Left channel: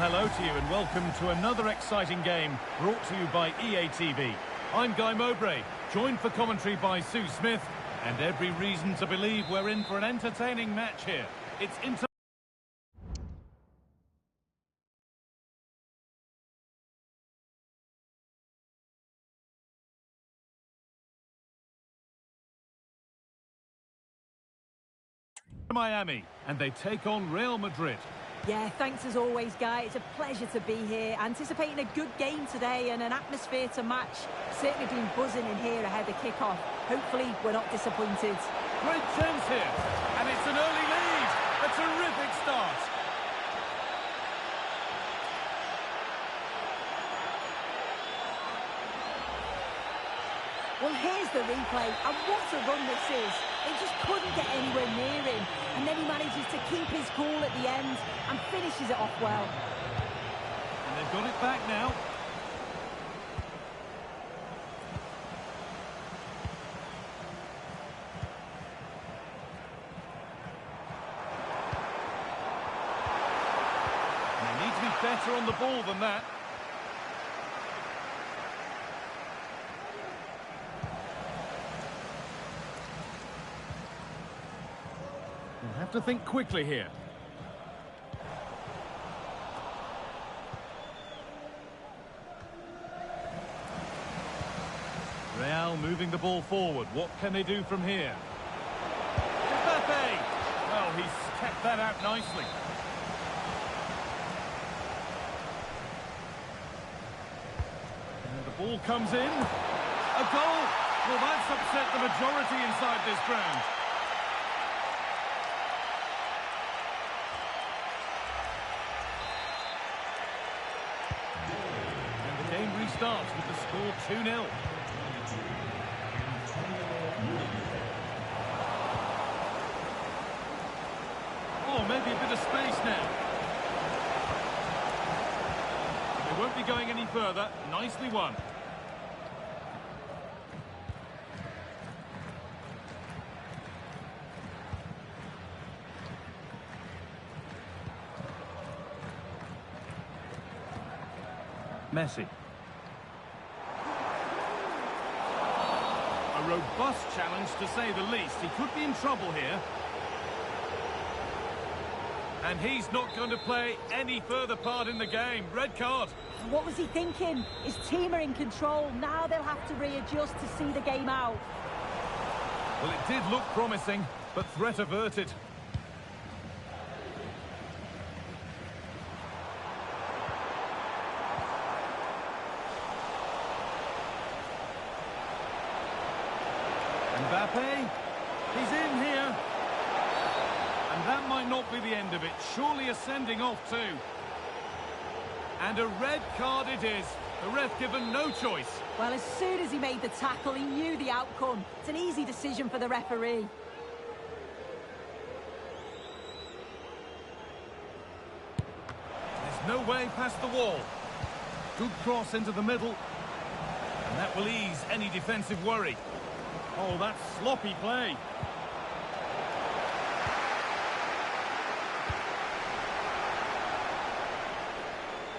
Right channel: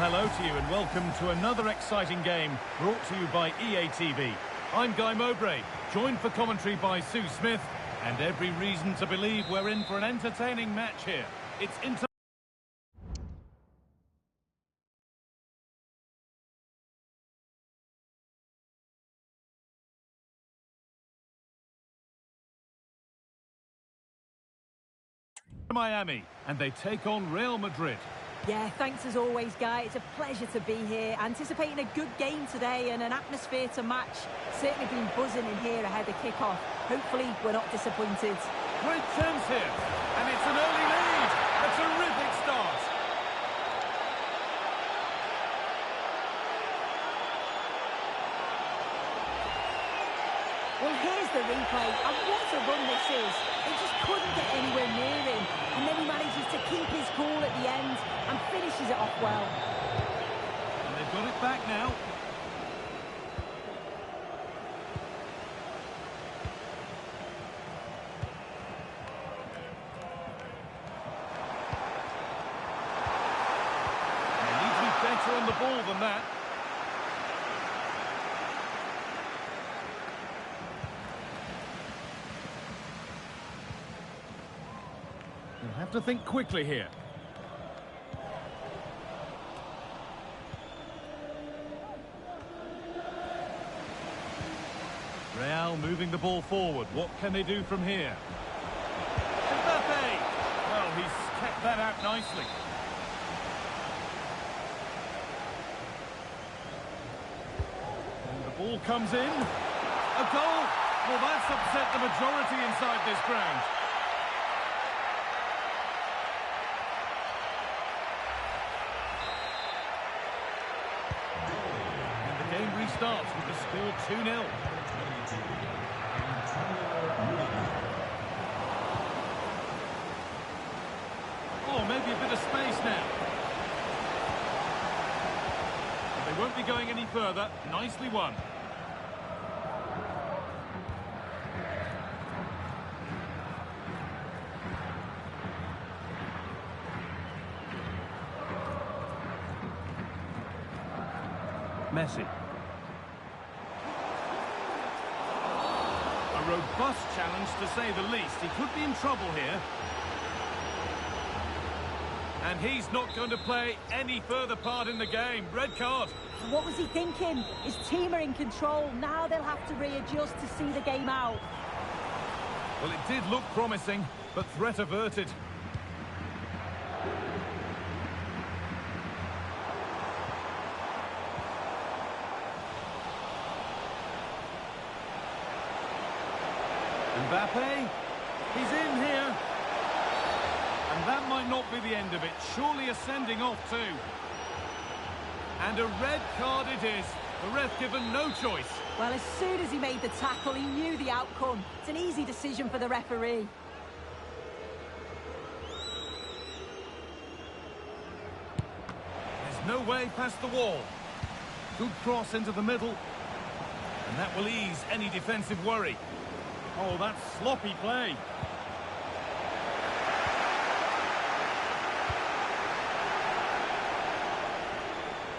hello to you and welcome to another exciting game brought to you by EA TV. I'm Guy Mowbray, joined for commentary by Sue Smith, and every reason to believe we're in for an entertaining match here. It's Inter Miami, and they take on Real Madrid. Yeah, thanks as always, Guy. It's a pleasure to be here. Anticipating a good game today and an atmosphere to match. Certainly been buzzing in here ahead of kick-off. Hopefully, we're not disappointed. Great chance here, and it's an early lead. A terrific start. Well, here's the replay, and what a run this is. They just couldn't get anywhere near him, and then he manages to keep his cool at the end and finishes it off well. And they've got it back now. And they need to be better on the ball than that. You'll have to think quickly here. Real moving the ball forward. What can they do from here? Mbappe! Well, he's kept that out nicely. And the ball comes in. A goal! Well, that's upset the majority inside this ground. Game restarts with the score 2-0. Oh, maybe a bit of space now. But they won't be going any further. Nicely won. Messi. A robust challenge, to say the least. He could be in trouble here. And he's not going to play any further part in the game. Red card. What was he thinking? His team are in control. Now they'll have to readjust to see the game out. Well, it did look promising, but threat averted. Mbappe, he's in here. And that might not be the end of it. Surely a sending off too. And a red card it is. The ref given no choice. Well, as soon as he made the tackle, he knew the outcome. It's an easy decision for the referee. There's no way past the wall. Good cross into the middle. And that will ease any defensive worry. Oh, that's sloppy play.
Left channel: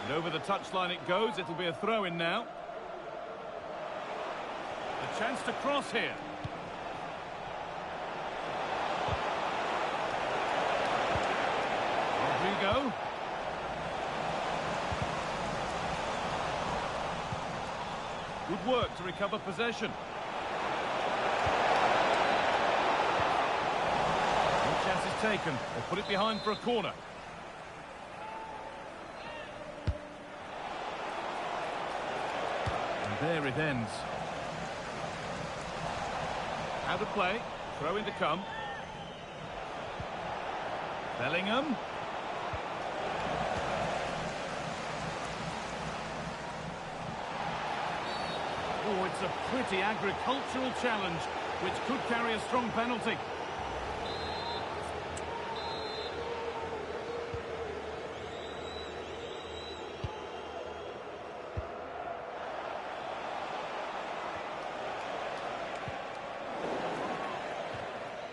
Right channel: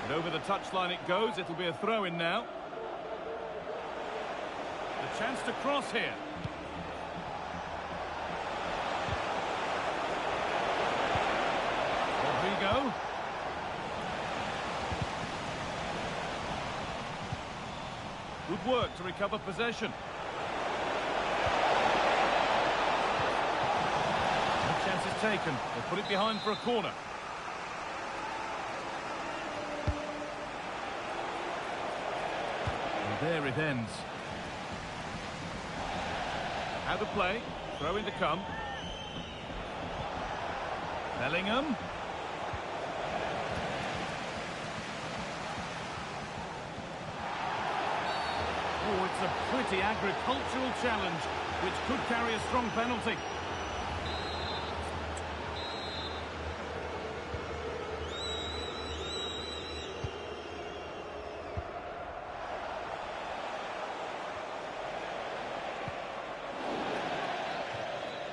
And over the touchline it goes. It'll be a throw-in now. The chance to cross here. Rodrigo. Good work to recover possession. Chance is taken. They put it behind for a corner. And there it ends. Out of play. Throw in to come. Bellingham. Oh, it's a pretty agricultural challenge, which could carry a strong penalty.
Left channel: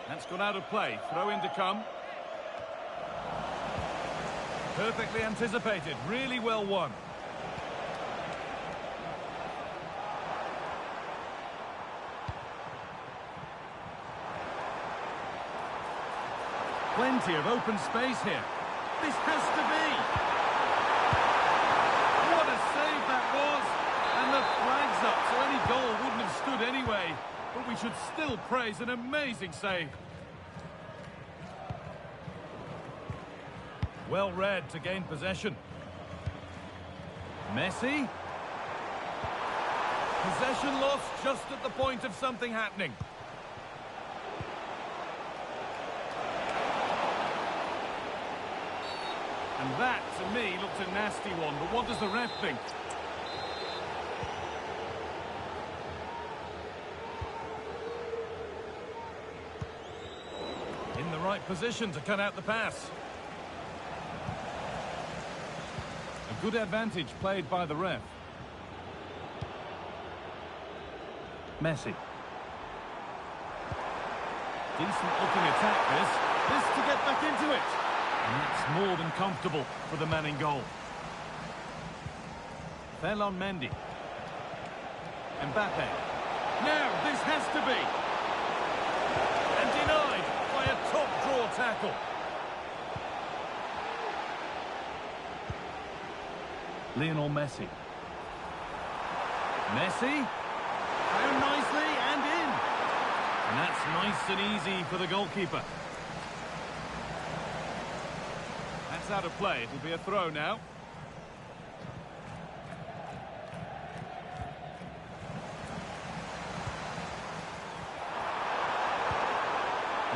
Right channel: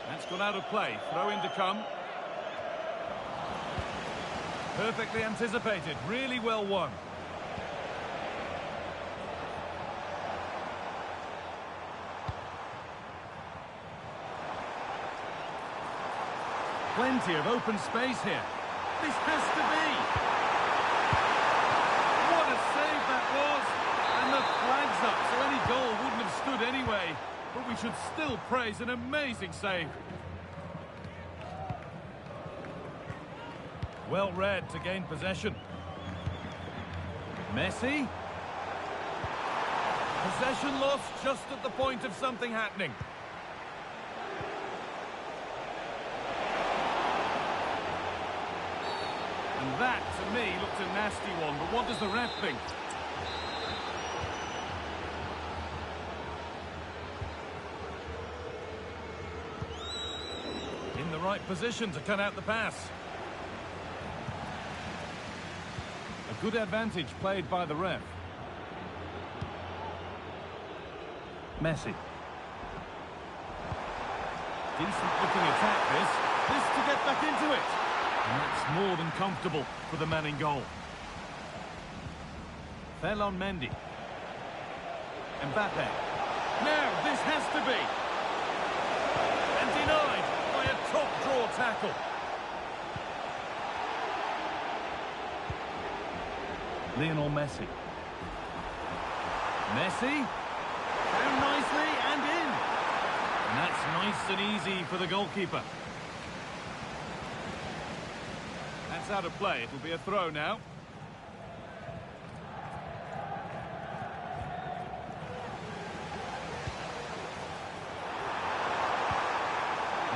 That's gone out of play. Throw in to come. Perfectly anticipated, really well won. Plenty of open space here. This has to be. What a save that was. And the flag's up, so any goal wouldn't have stood anyway. But we should still praise an amazing save. Well read to gain possession. Messi. Possession lost just at the point of something happening. And that, to me, looked a nasty one. But what does the ref think? In the right position to cut out the pass. A good advantage played by the ref. Messi. Decent looking attack this. This to get back into it. And that's more than comfortable for the man in goal. Ferland Mendy. Mbappe. Now this has to be. And denied by a top draw tackle. Lionel Messi. Messi. Found nicely and in. And that's nice and easy for the goalkeeper. That's out of play. It'll be a throw now.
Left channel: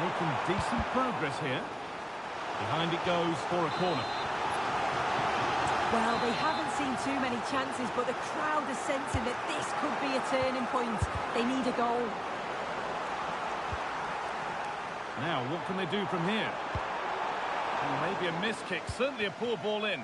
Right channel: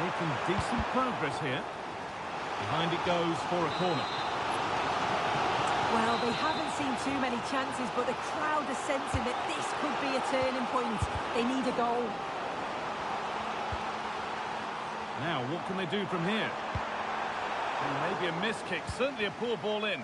Making decent progress here. Behind it goes for a corner. Well, they haven't seen too many chances, but the crowd is sensing that this could be a turning point. They need a goal. Now, what can they do from here? Maybe a miss kick, certainly a poor ball in.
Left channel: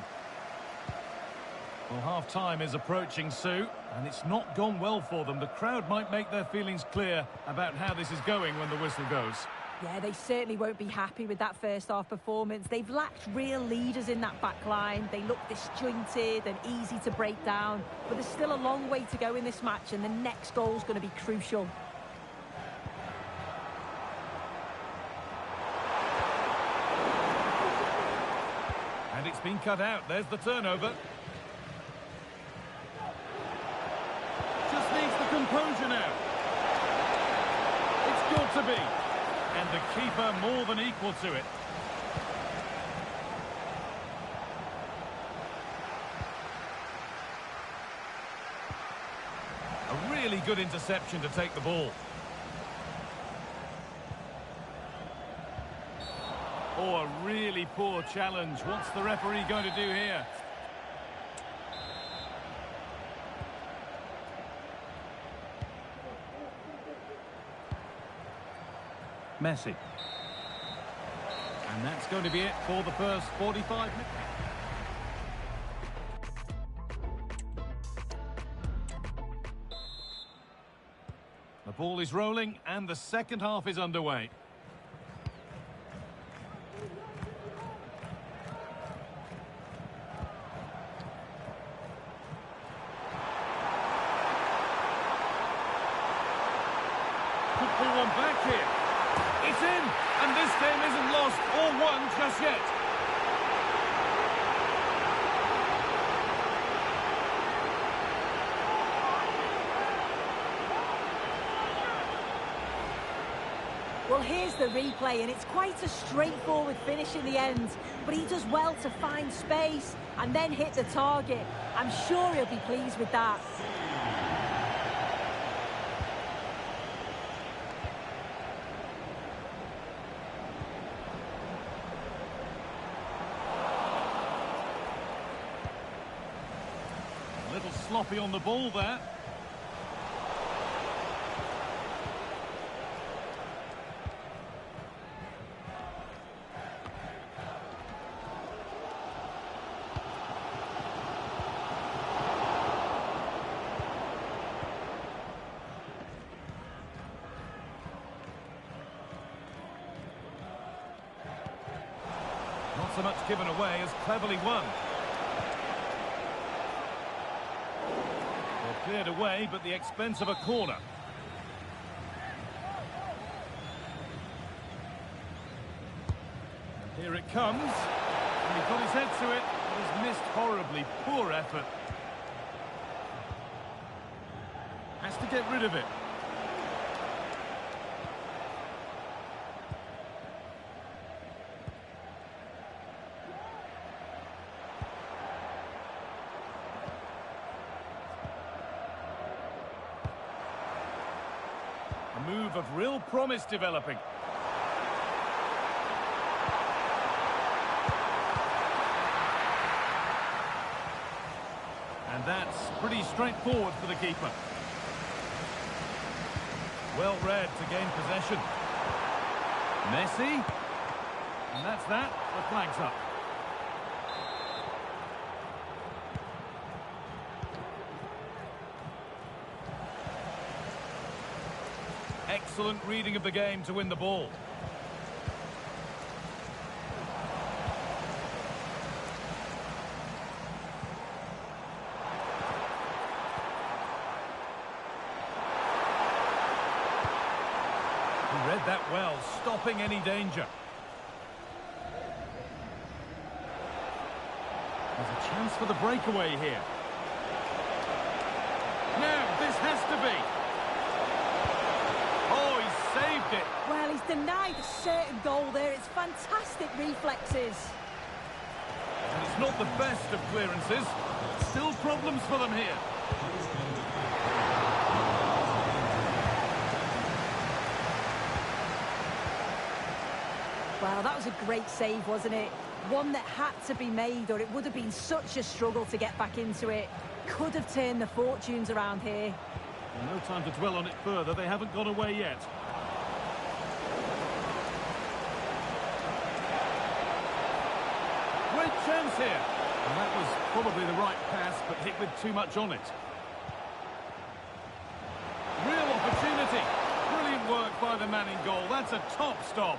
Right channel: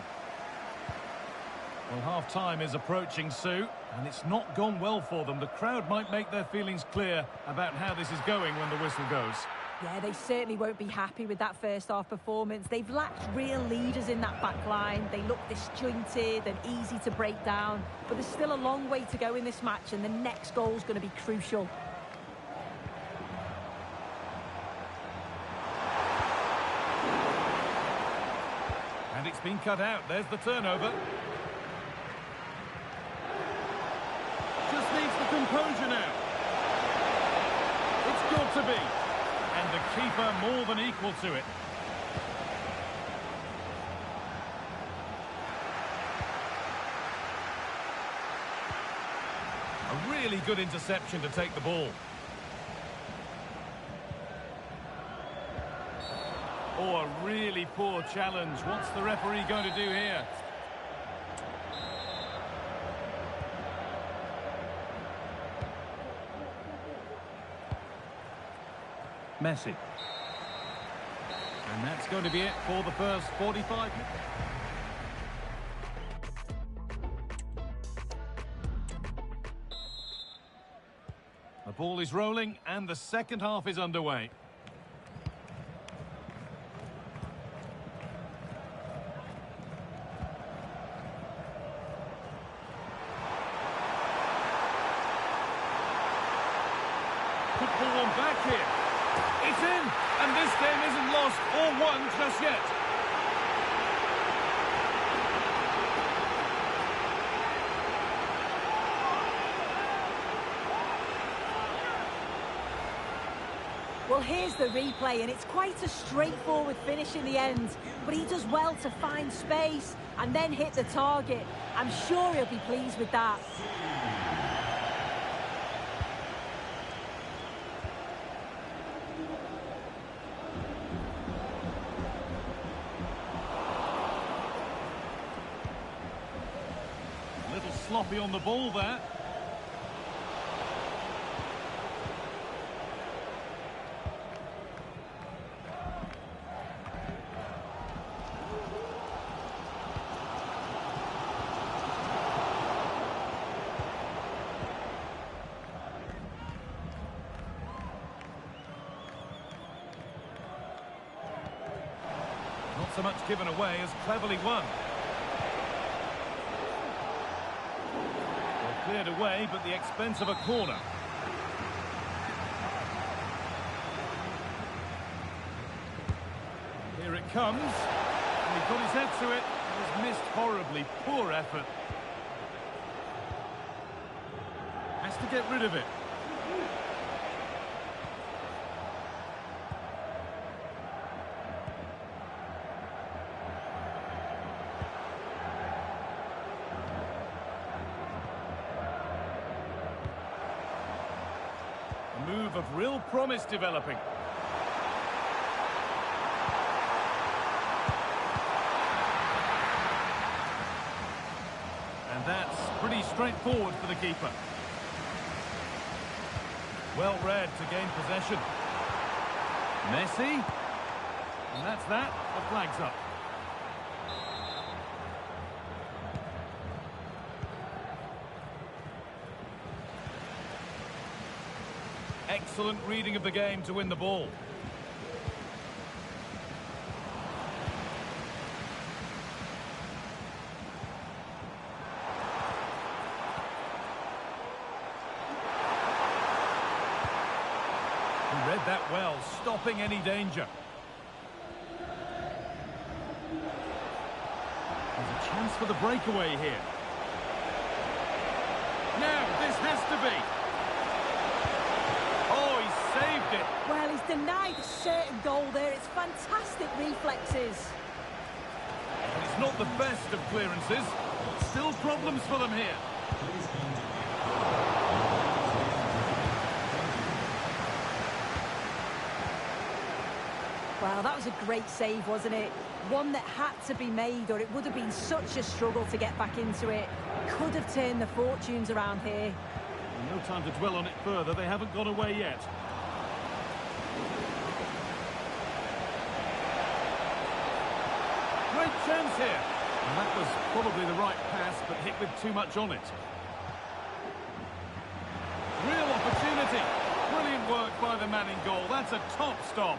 Well, half-time is approaching, Sue, and it's not gone well for them. The crowd might make their feelings clear about how this is going when the whistle goes. Yeah, they certainly won't be happy with that first-half performance. They've lacked real leaders in that back line. They look disjointed and easy to break down. But there's still a long way to go in this match, and the next goal's going to be crucial. And it's been cut out. There's the turnover. Just needs the composure now. It's got to be. And the keeper more than equal to it. A really good interception to take the ball. Oh, a really poor challenge. What's the referee going to do here? Messi. And that's going to be it for the first 45 minutes. The ball is rolling and the second half is underway. Could pull one back here. It's in, and this game isn't lost or won just yet. Well, here's the replay, and it's quite a straightforward finish in the end. But he does well to find space and then hit the target. I'm sure he'll be pleased with that. A little sloppy on the ball there. Not so much given away as cleverly won. Well, cleared away, but the expense of a corner. And here it comes. And he got his head to it, but has missed horribly. Poor effort. Has to get rid of it. A move of real promise developing. And that's pretty straightforward for the keeper. Well read to gain possession. Messi. And that's that. The flag's up. Excellent reading of the game to win the ball. He read that well, stopping any danger. There's a chance for the breakaway here. Now, this has to be. Oh, he saved it. Well, he's denied a certain goal there. It's fantastic reflexes. And it's not the best of clearances. Still problems for them here. Well, that was a great save, wasn't it? One that had to be made, or it would have been such a struggle to get back into it. Could have turned the fortunes around here. Well, no time to dwell on it further. They haven't gone away yet. Great chance here. And that was probably the right pass, but hit with too much on it. Real opportunity. Brilliant work by the man in goal. That's a top stop.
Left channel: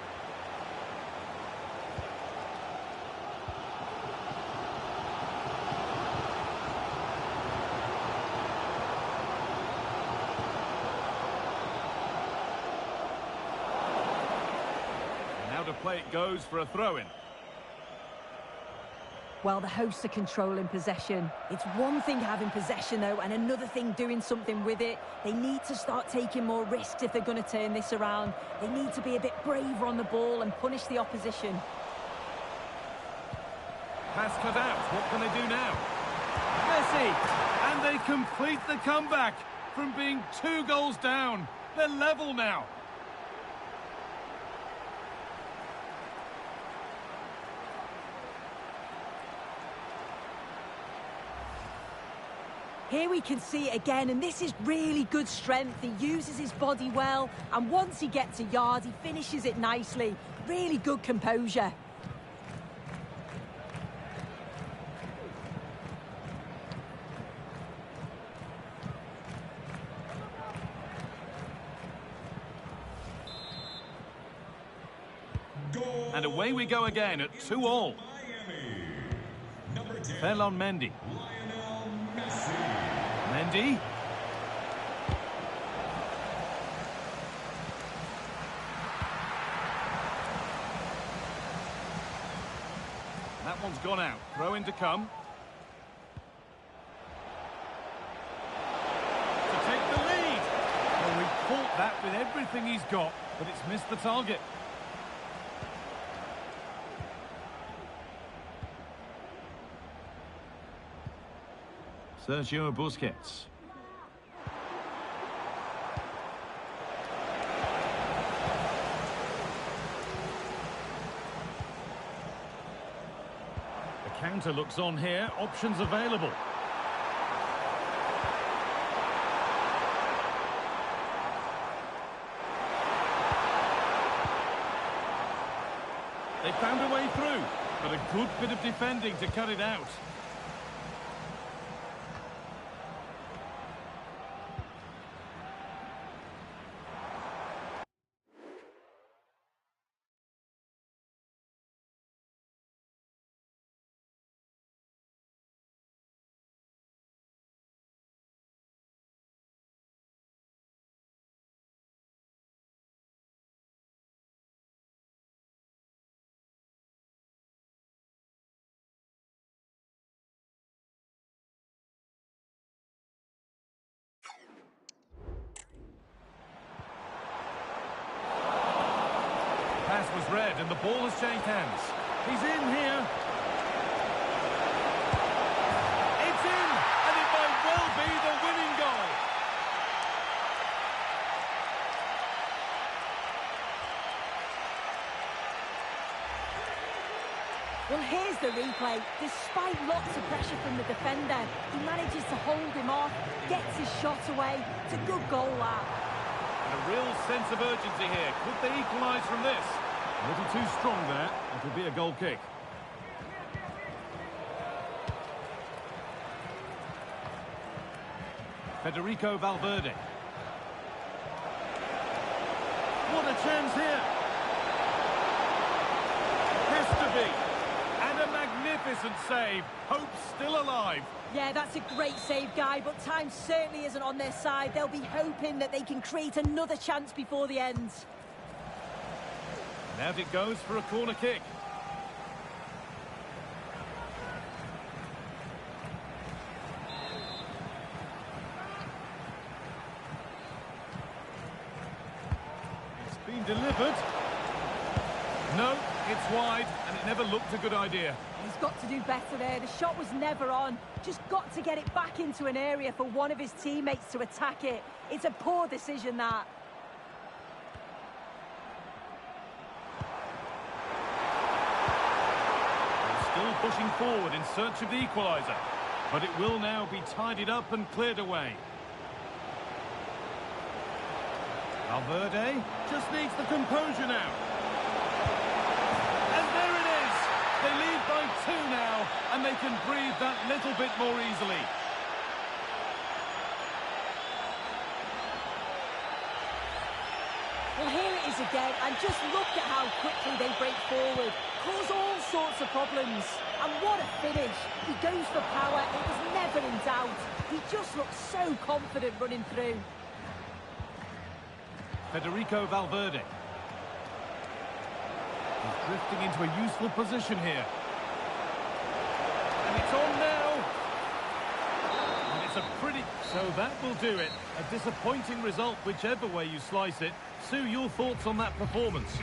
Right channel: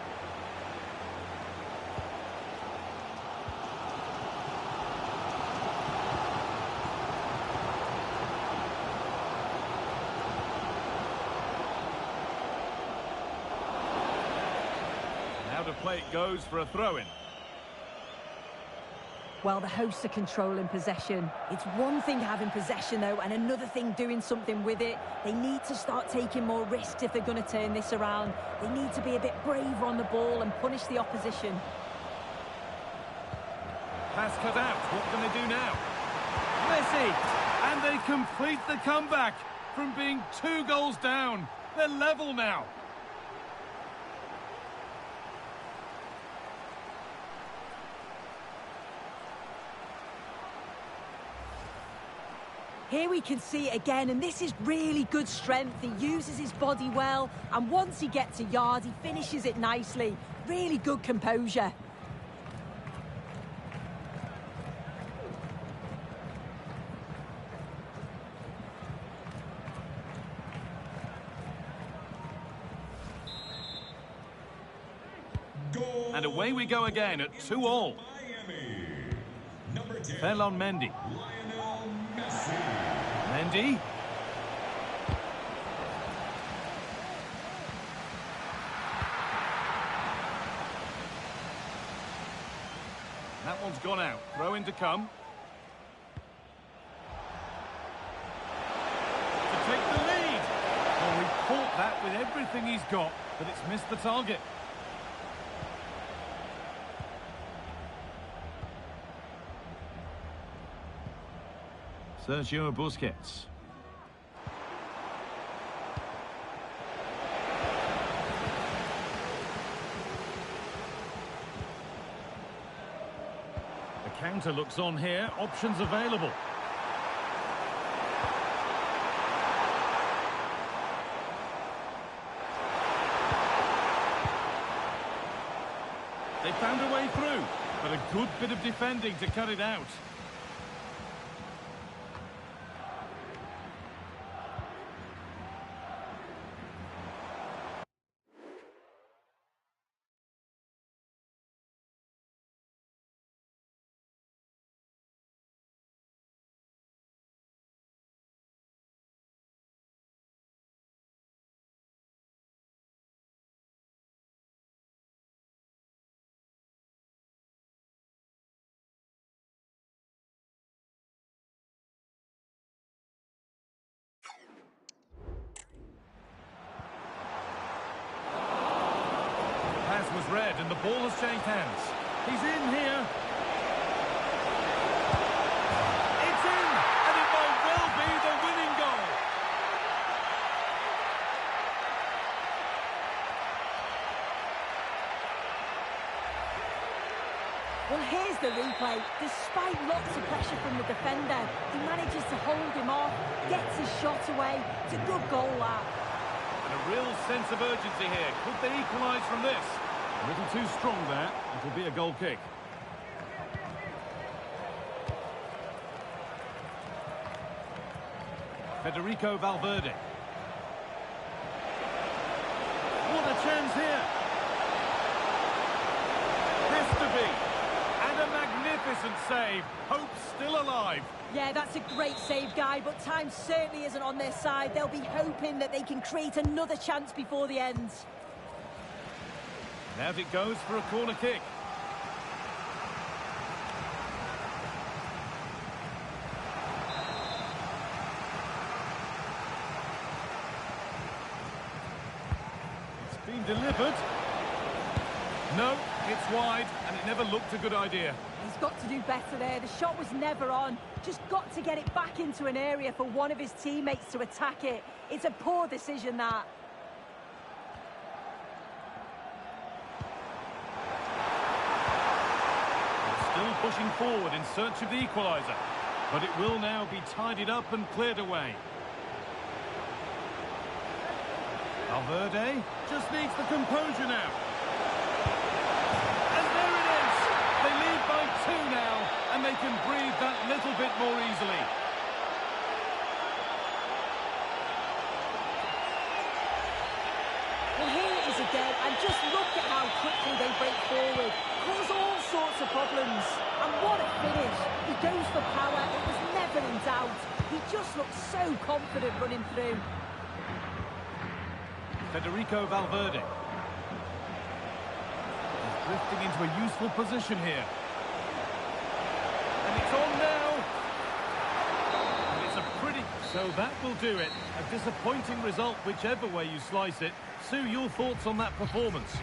Now to play it goes for a throw-in. Well, the hosts are controlling possession. It's one thing having possession, though, and another thing doing something with it. They need to start taking more risks if they're going to turn this around. They need to be a bit braver on the ball and punish the opposition. Pass cut out. What can they do now? Messi! And they complete the comeback from being 2 goals down. They're level now. Here we can see it again, and this is really good strength. He uses his body well, and once he gets a yard, he finishes it nicely. Really good composure. Goal. And away we go again at 2-2. Miami. Number 10. Ferland Mendy. Lionel Messi. Mendy. That one's gone out. Throw in to come. To take the lead. Well, he caught that with everything he's got, but it's missed the target. Sergio Busquets. The counter looks on here. Options available. They found a way through, but a good bit of defending to cut it out. was read and the ball has changed hands. He's in here. It's in, and it might well be the winning goal. Well, here's the replay. Despite lots of pressure from the defender, he manages to hold him off, gets his shot away. It's a good goal, that. And a real sense of urgency here. Could they equalise from this? A little too strong there. It'll be a goal kick. Federico Valverde. What a chance here. Has to be. And a magnificent save. Hope still alive. Yeah, that's a great save, Guy, but time certainly isn't on their side. They'll be hoping that they can create another chance before the end. And out it goes for a corner kick. It's been delivered. No, it's wide, and it never looked a good idea. He's got to do better there. The shot was never on. Just got to get it back into an area for one of his teammates to attack it. It's a poor decision, that. Still pushing forward in search of the equaliser. But it will now be tidied up and cleared away. Valverde just needs the composure now. And there it is! They lead by 2 now, and they can breathe that little bit more easily. Well, here it is again, and just look at how quickly they break forward. Cause all sorts of problems. And what a finish. He goes for power. It was never in doubt. He just looks so confident running through. Federico Valverde. He's drifting into a useful position here. And it's on now. And it's a pretty... So that will do it. A disappointing result, whichever way you slice it. Sue, your thoughts on that performance?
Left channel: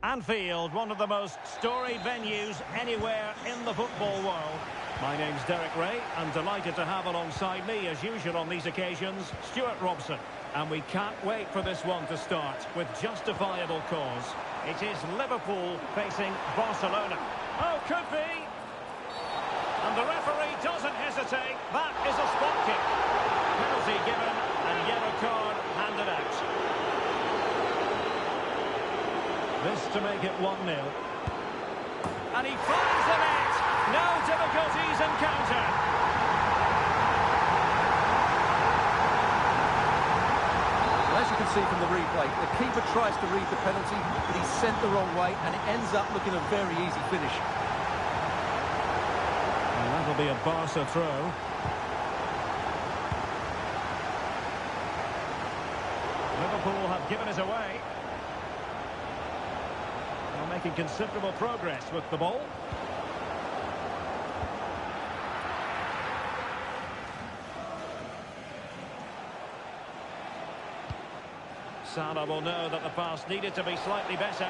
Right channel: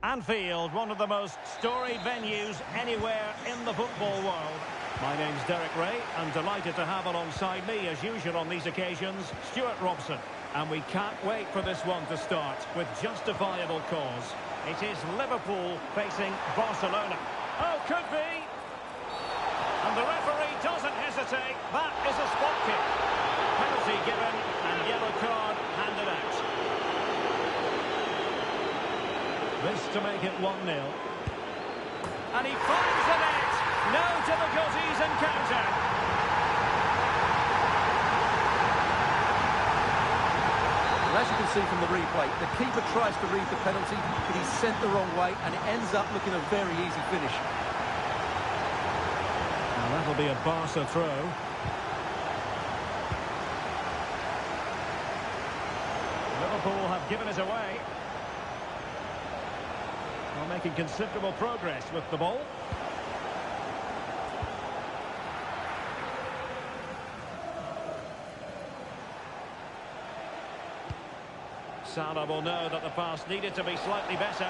Anfield, one of the most storied venues anywhere in the football world. My name's Derek Ray. I'm delighted to have alongside me, as usual on these occasions, Stuart Robson. And we can't wait for this one to start with justifiable cause. It is Liverpool facing Barcelona. Oh, could be! And the referee doesn't hesitate. That is a spot kick. Penalty given and yellow card handed out. This to make it 1-0. And he finds the net. No difficulties encountered. Well, as you can see from the replay, the keeper tries to read the penalty, but he's sent the wrong way, and it ends up looking a very easy finish. Well, that'll be a Barca throw. Liverpool have given it away. Well, making considerable progress with the ball. Salah will know that the pass needed to be slightly better.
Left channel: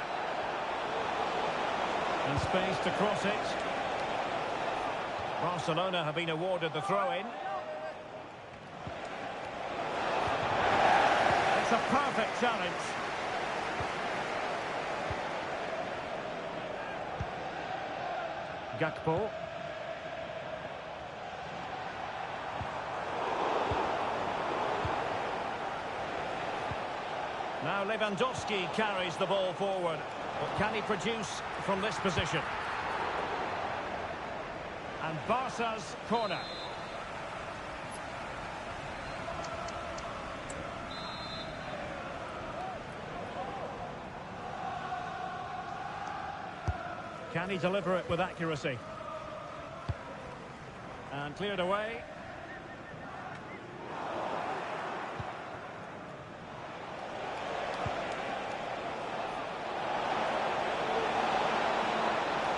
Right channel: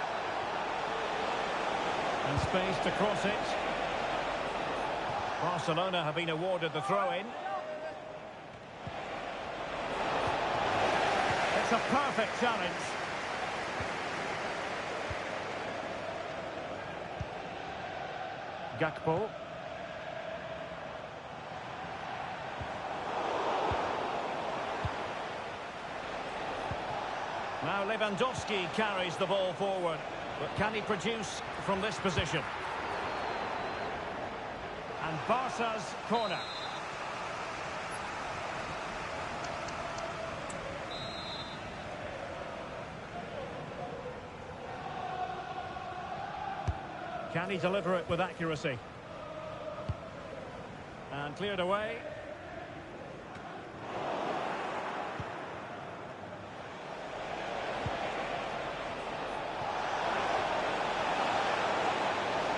And space to cross it. Barcelona have been awarded the throw-in. It's a perfect challenge. Gakpo. Now Lewandowski carries the ball forward. But can he produce from this position? And Barca's corner. Can he deliver it with accuracy? And cleared away.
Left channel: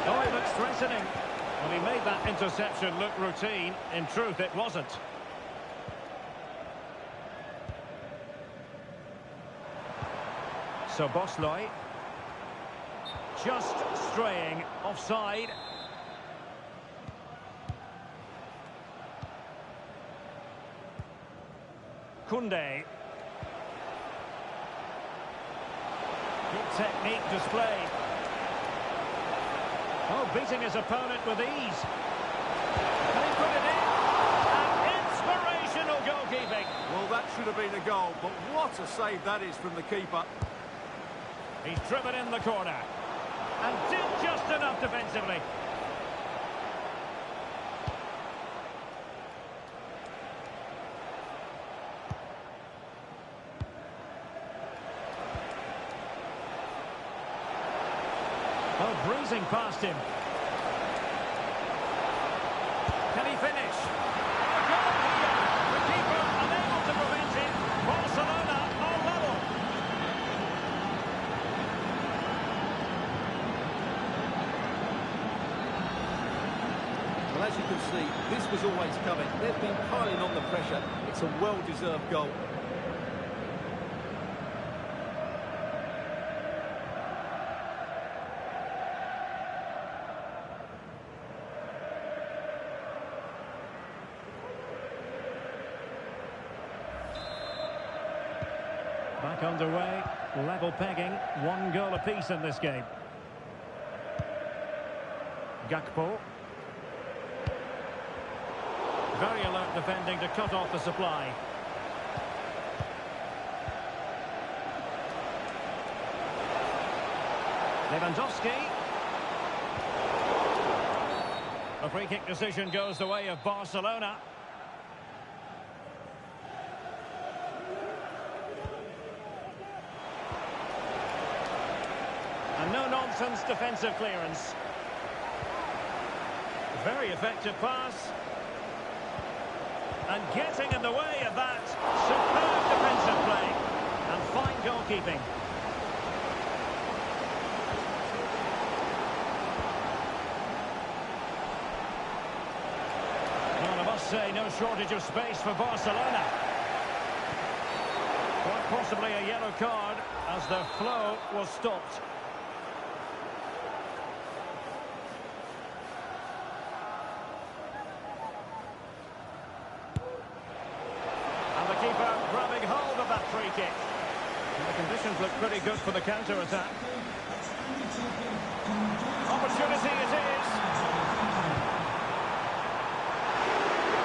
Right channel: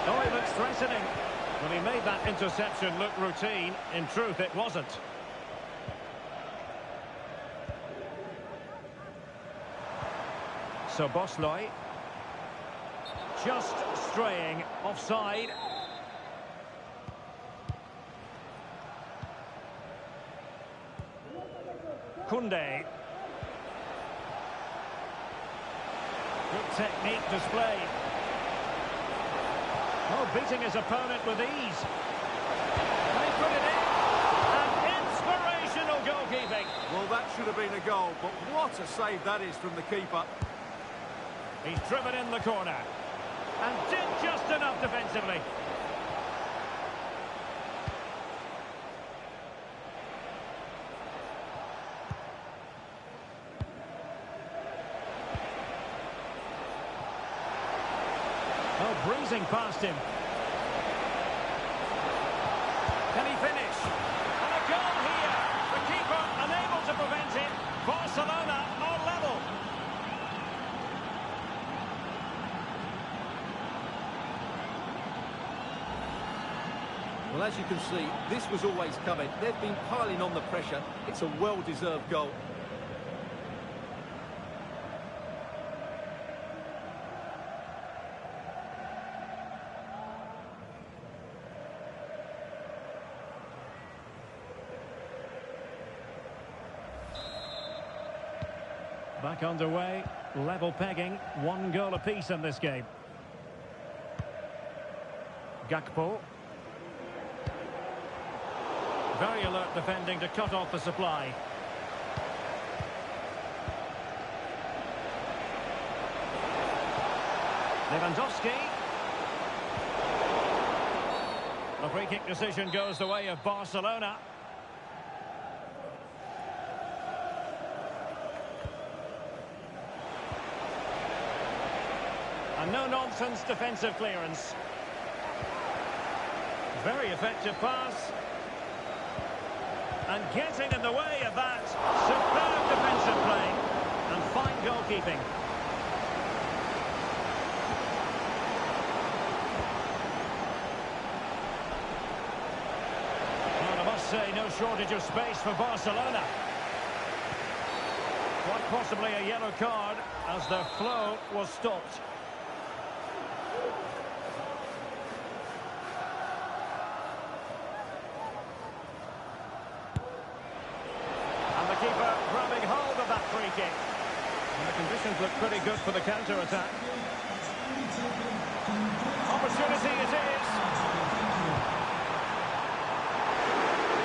Oh, he looks threatening. Well, he made that interception look routine. In truth, it wasn't. So Bosley. Just straying offside. Koundé. Good technique displayed. Oh, beating his opponent with ease. Can he put it in? And inspirational goalkeeping. Well, that should have been a goal, but what a save that is from the keeper. He's driven in the corner. And did just enough defensively. Oh, breezing past him. Can he finish? And a goal here. The keeper unable to prevent it. Barcelona are level. Well, as you can see, this was always coming. They've been piling on the pressure. It's a well-deserved goal. Back underway, level pegging, 1 goal apiece in this game. Gakpo. Very alert defending to cut off the supply. Lewandowski. The free kick decision goes the way of Barcelona. A no-nonsense defensive clearance. Very effective pass. And getting in the way of that. Superb defensive play. And fine goalkeeping. Well, I must say, no shortage of space for Barcelona. Quite possibly a yellow card as their flow was stopped. The keeper grabbing hold of that free kick. And the conditions look pretty good for the counter-attack. Opportunity it is.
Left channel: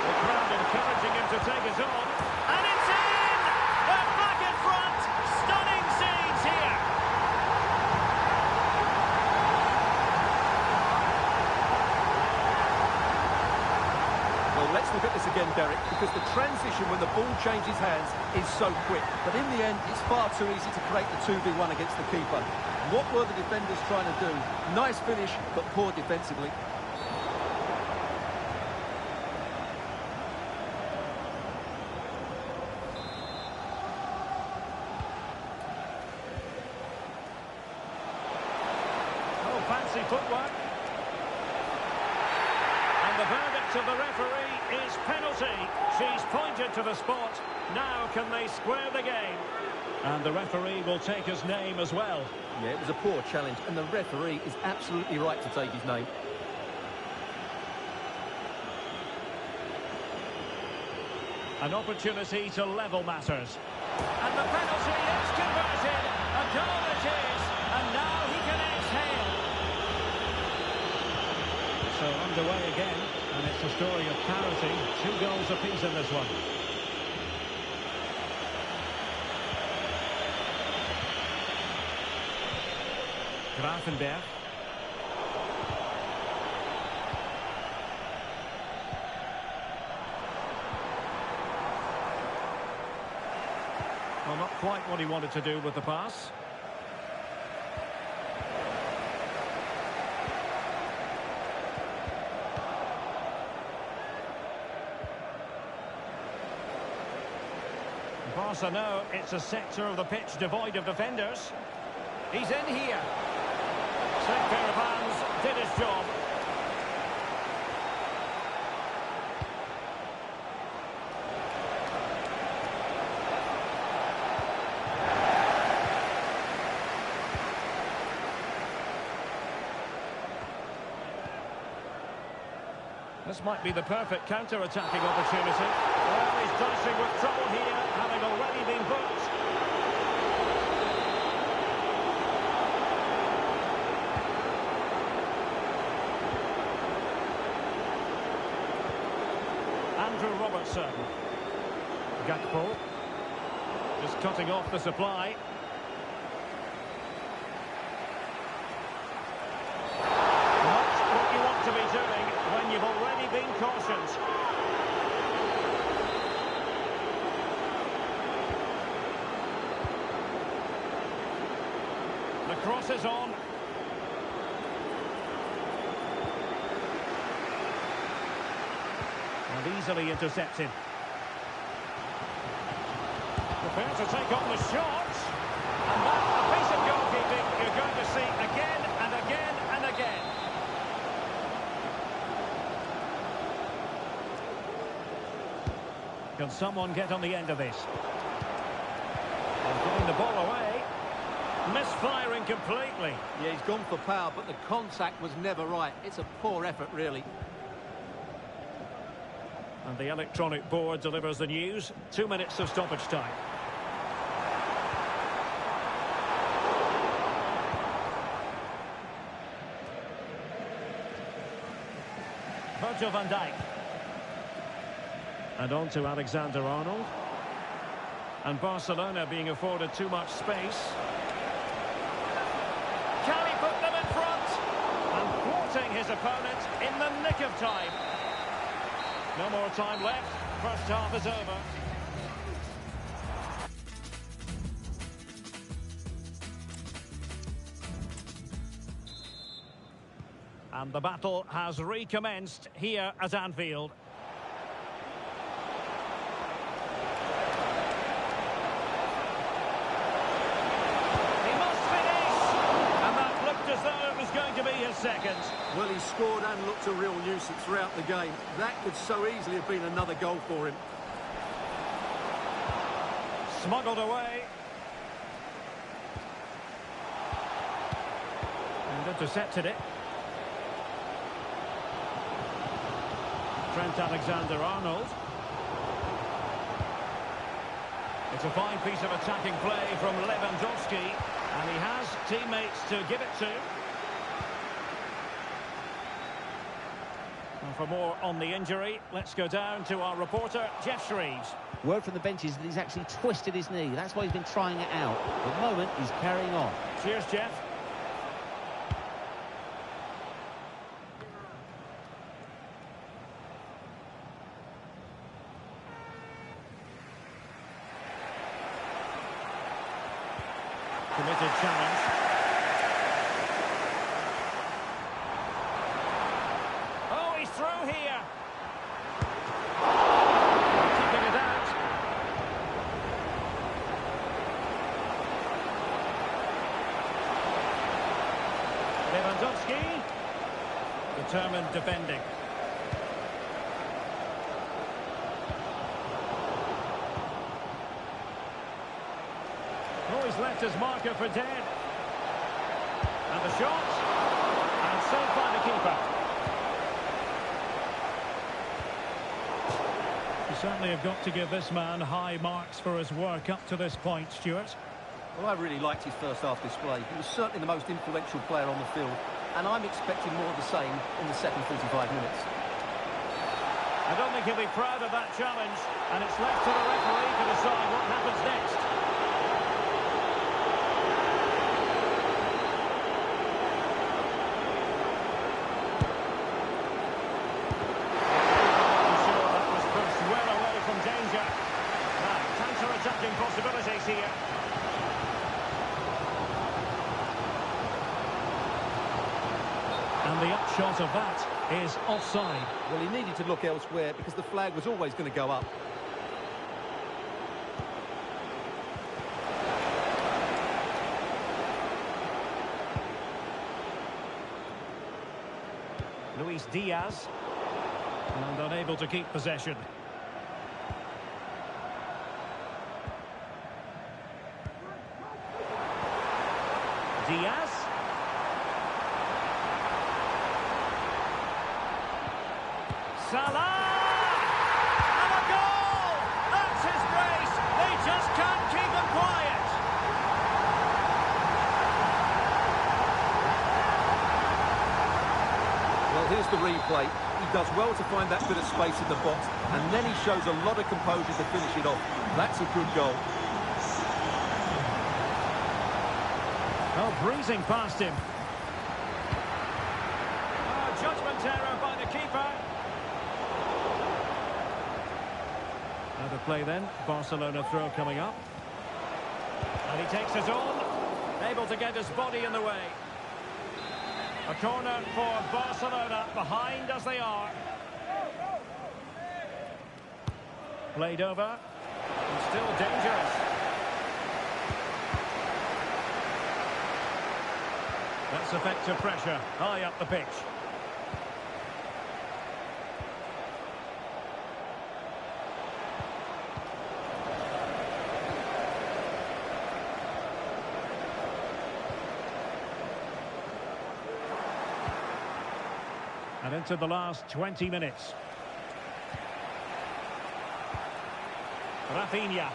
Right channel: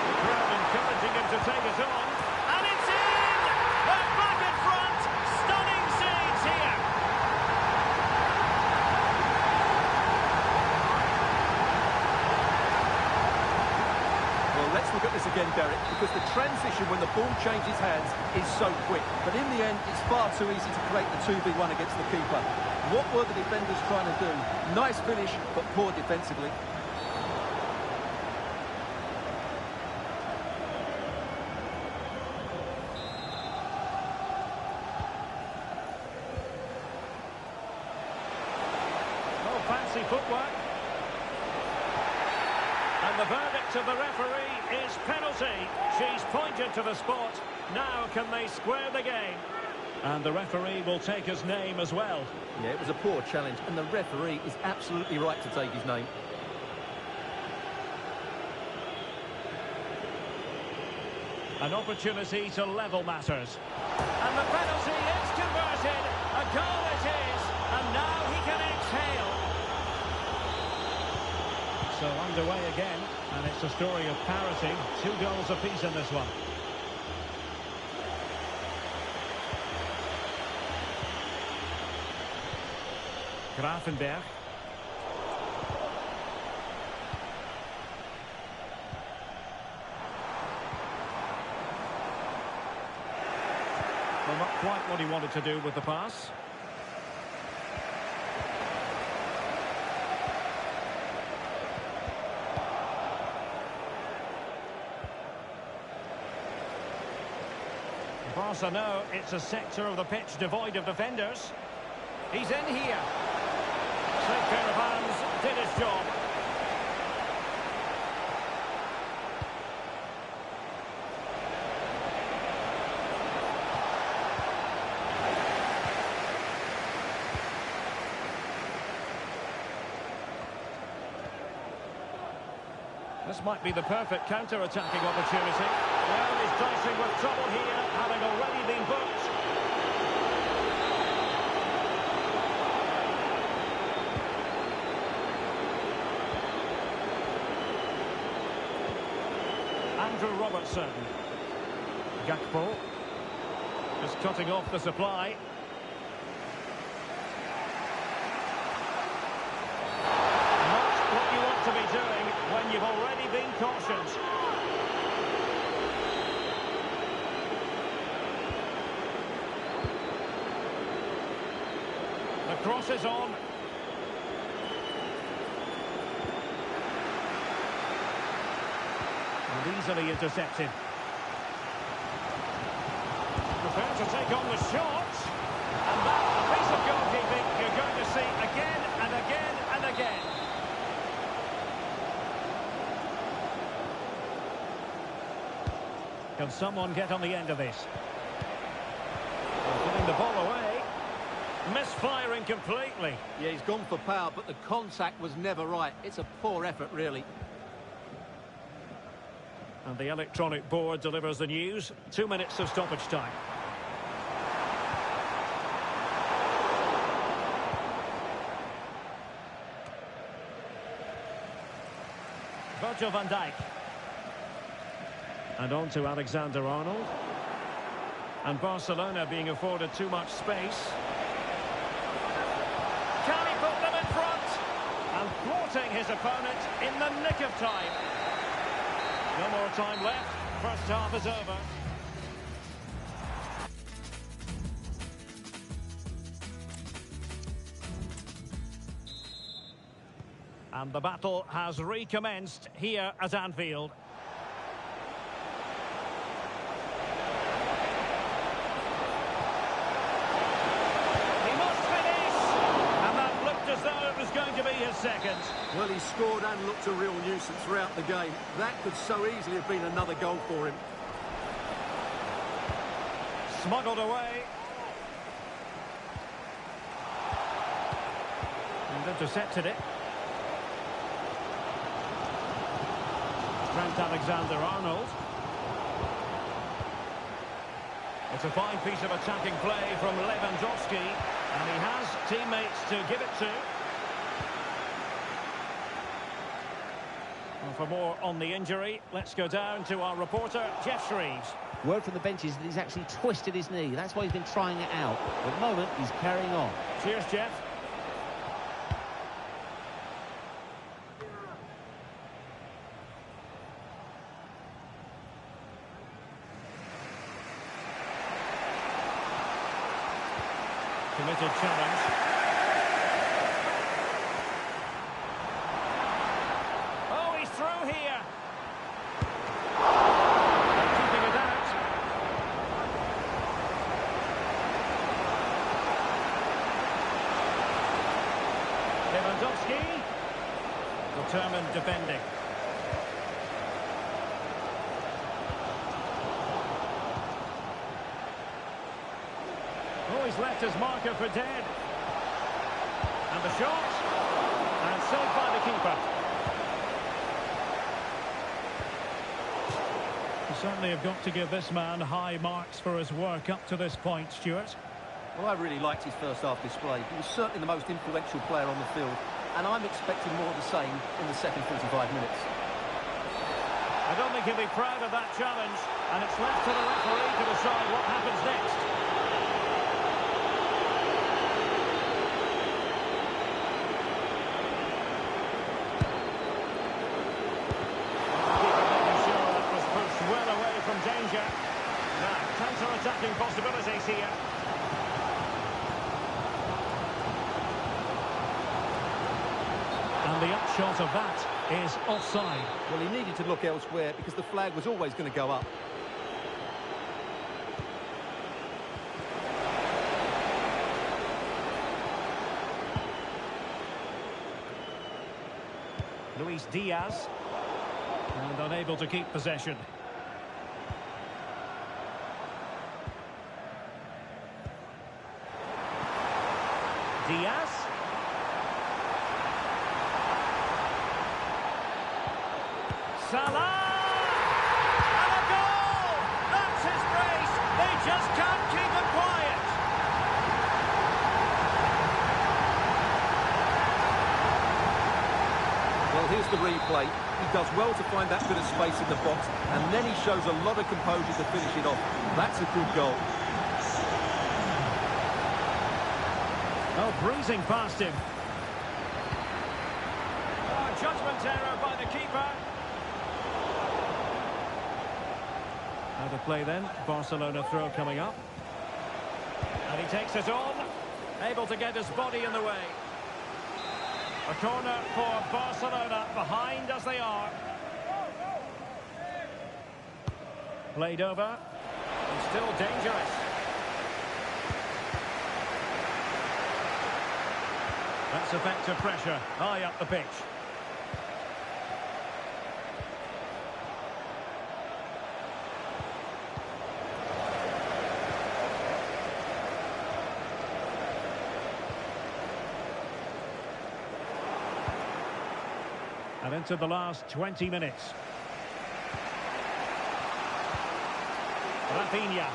The crowd encouraging him to take it on. And it's in! They're back in front! Stunning scenes here! Well, let's look at this again, Derek, because the transition when the ball changes hands is so quick. But in the end, it's far too easy to create the 2v1 against the keeper. What were the defenders trying to do? Nice finish, but poor defensively. Oh, fancy footwork. And the verdict of the referee is penalty. She's pointed to the spot. Now can they square the game? And the referee will take his name as well. Yeah, it was a poor challenge, and the referee is absolutely right to take his name. An opportunity to level matters. And the penalty is converted. A goal it is. And now he can exhale. So underway again. And it's a story of parity. 2 goals apiece in this one. Gravenberch. Well, not quite what he wanted to do with the pass. Barca know it's a sector of the pitch devoid of defenders. He's in here. Safe pair of hands, did his job. This might be the perfect counter-attacking opportunity. Well, he's dicing with trouble here, having already been booked. Andrew Robertson. Gakpo. Just cutting off the supply. What you want to be doing when you've already been cautioned. The cross is on. And easily intercepted. Prepared to take on the shot. And that, a piece of goalkeeping you're going to see again and again and again. Can someone get on the end of this? And giving the ball away. Misfiring completely. Yeah, he's gone for power, but the contact was never right. It's a poor effort, really. And the electronic board delivers the news. 2 minutes of stoppage time. Virgil van Dijk. And on to Alexander-Arnold. And Barcelona being afforded too much space. Can he put them in front? And thwarting his opponent in the nick of time. No more time left. First half is over. And the battle has recommenced here at Anfield. As though it was going to be his second. Well, he scored and looked a real nuisance throughout the game. That could so easily have been another goal for him. Smuggled away. And intercepted it. Trent Alexander-Arnold. It's a fine piece of attacking play from Lewandowski. And he has teammates to give it to. And for more on the injury, let's go down to our reporter, Jeff Shreves. Word from the bench is that he's actually twisted his knee. That's why he's been trying it out. At the moment, he's carrying on. Cheers, Jeff. Committed challenge. Oh, he's through here. They're keeping it out. Lewandowski. Determined defending. Oh, he's left his marker for dead. And the shot. And saved by the keeper. You certainly have got to give this man high marks for his work up to this point, Stuart. Well, I really liked his first half display. He was certainly the most influential player on the field, and I'm expecting more of the same in the second 45 minutes. I don't think he'll be proud of that challenge, and it's left to the referee to decide what happens next. Well away from danger. Now, counter-attacking possibilities here. And the upshot of that is offside. Well, he needed to look elsewhere because the flag was always going to go up. Luis Diaz. And unable to keep possession. Diaz. Salah! And a goal! That's his brace! They just can't keep him quiet! Well, here's the replay. He does well to find that bit of space in the box, and then he shows a lot of composure to finish it off. That's a good goal. Oh, breezing past him. Oh, judgment error by the keeper. Out of play then. Barcelona throw coming up. And he takes it on. Able to get his body in the way. A corner for Barcelona, behind as they are. Played over. And still dangerous. That's effective pressure, high up the pitch. And into the last 20 minutes. Rafinha.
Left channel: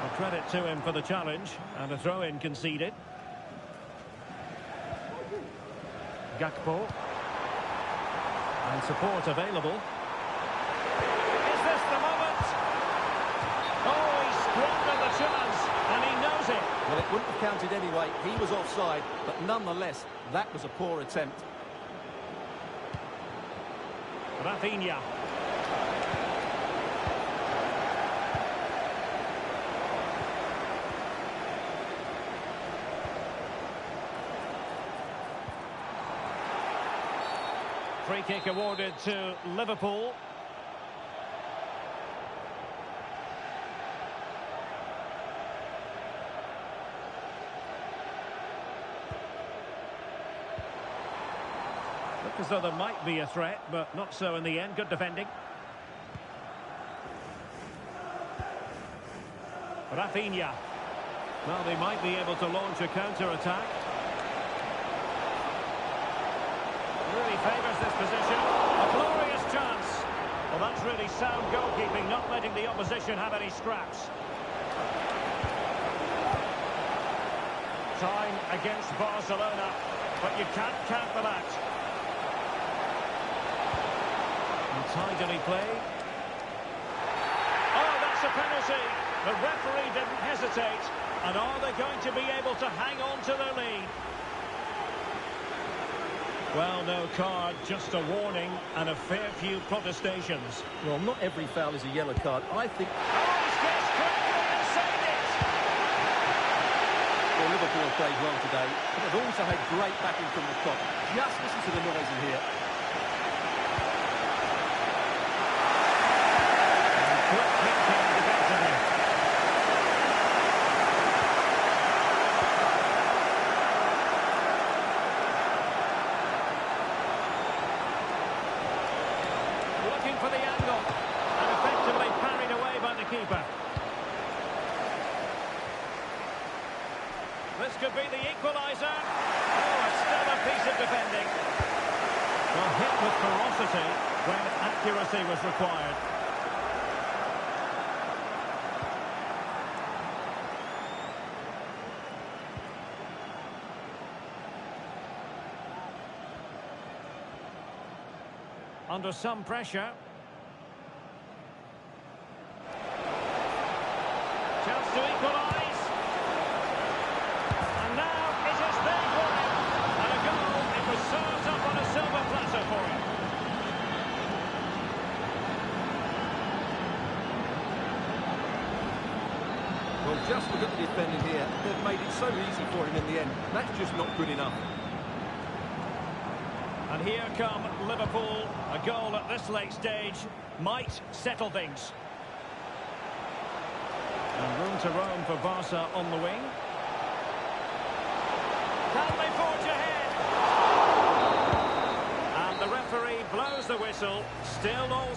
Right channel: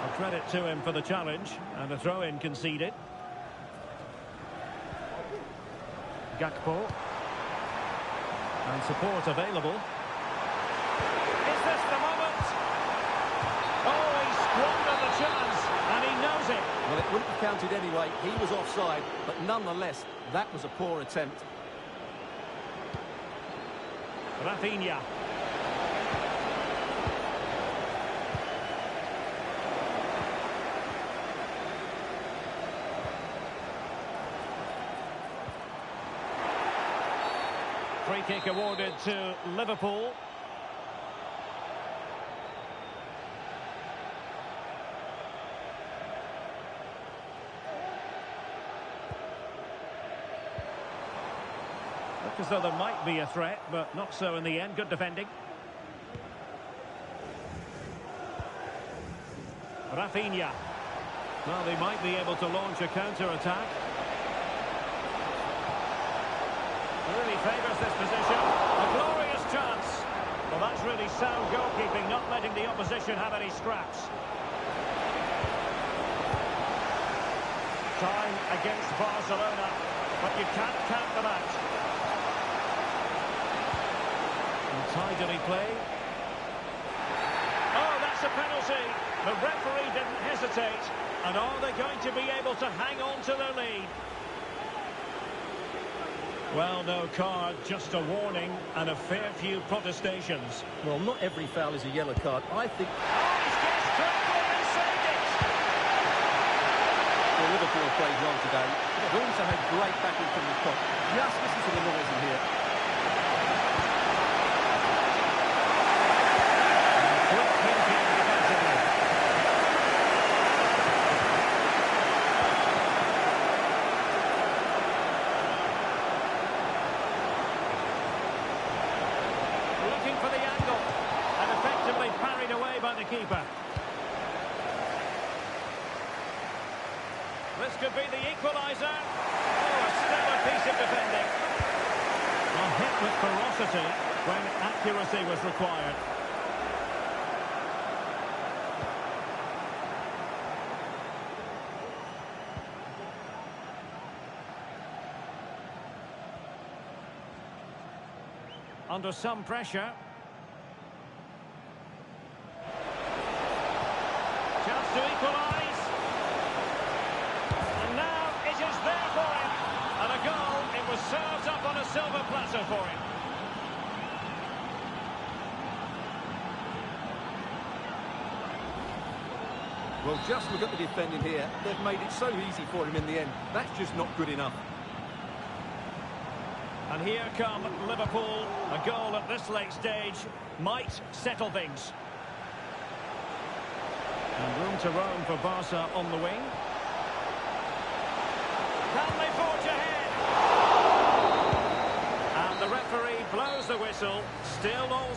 Well, credit to him for the challenge, and a throw-in conceded. Gakpo. And support available. Is this the moment? Oh, he squandered the chance, and he knows it. Well, it wouldn't have counted anyway. He was offside, but nonetheless, that was a poor attempt. Rafinha. Free kick awarded to Liverpool. Look as though there might be a threat, but not so in the end. Good defending. Rafinha. Well, they might be able to launch a counter-attack. Really favours this position. A glorious chance. Well, that's really sound goalkeeping, not letting the opposition have any scraps. Time against Barcelona, but you can't count them out. And tidily played. Oh, that's a penalty. The referee didn't hesitate. And are they going to be able to hang on to their lead? Well, no card, just a warning and a fair few protestations. Well, not every foul is a yellow card. I think... Oh, he's guessed correctly and saved it! Well, Liverpool have played well today, but they've also had great backing from the top. Just listen to the noise in here. And quick thinking defensively. Looking for the angle, and effectively parried away by the keeper. This could be the equaliser. Oh, a stellar piece of defending. Well, hit with ferocity when accuracy was required. Under some pressure. Chance to equalise. And now it is there for him. And a goal, it was served up on a silver platter for him. Well, just look at the defending here. They've made it so easy for him in the end. That's just not good enough. And here come Liverpool. A goal at this late stage might settle things. And room to roam for Barca on the wing. Can they forge ahead? And the referee blows the whistle. Still all...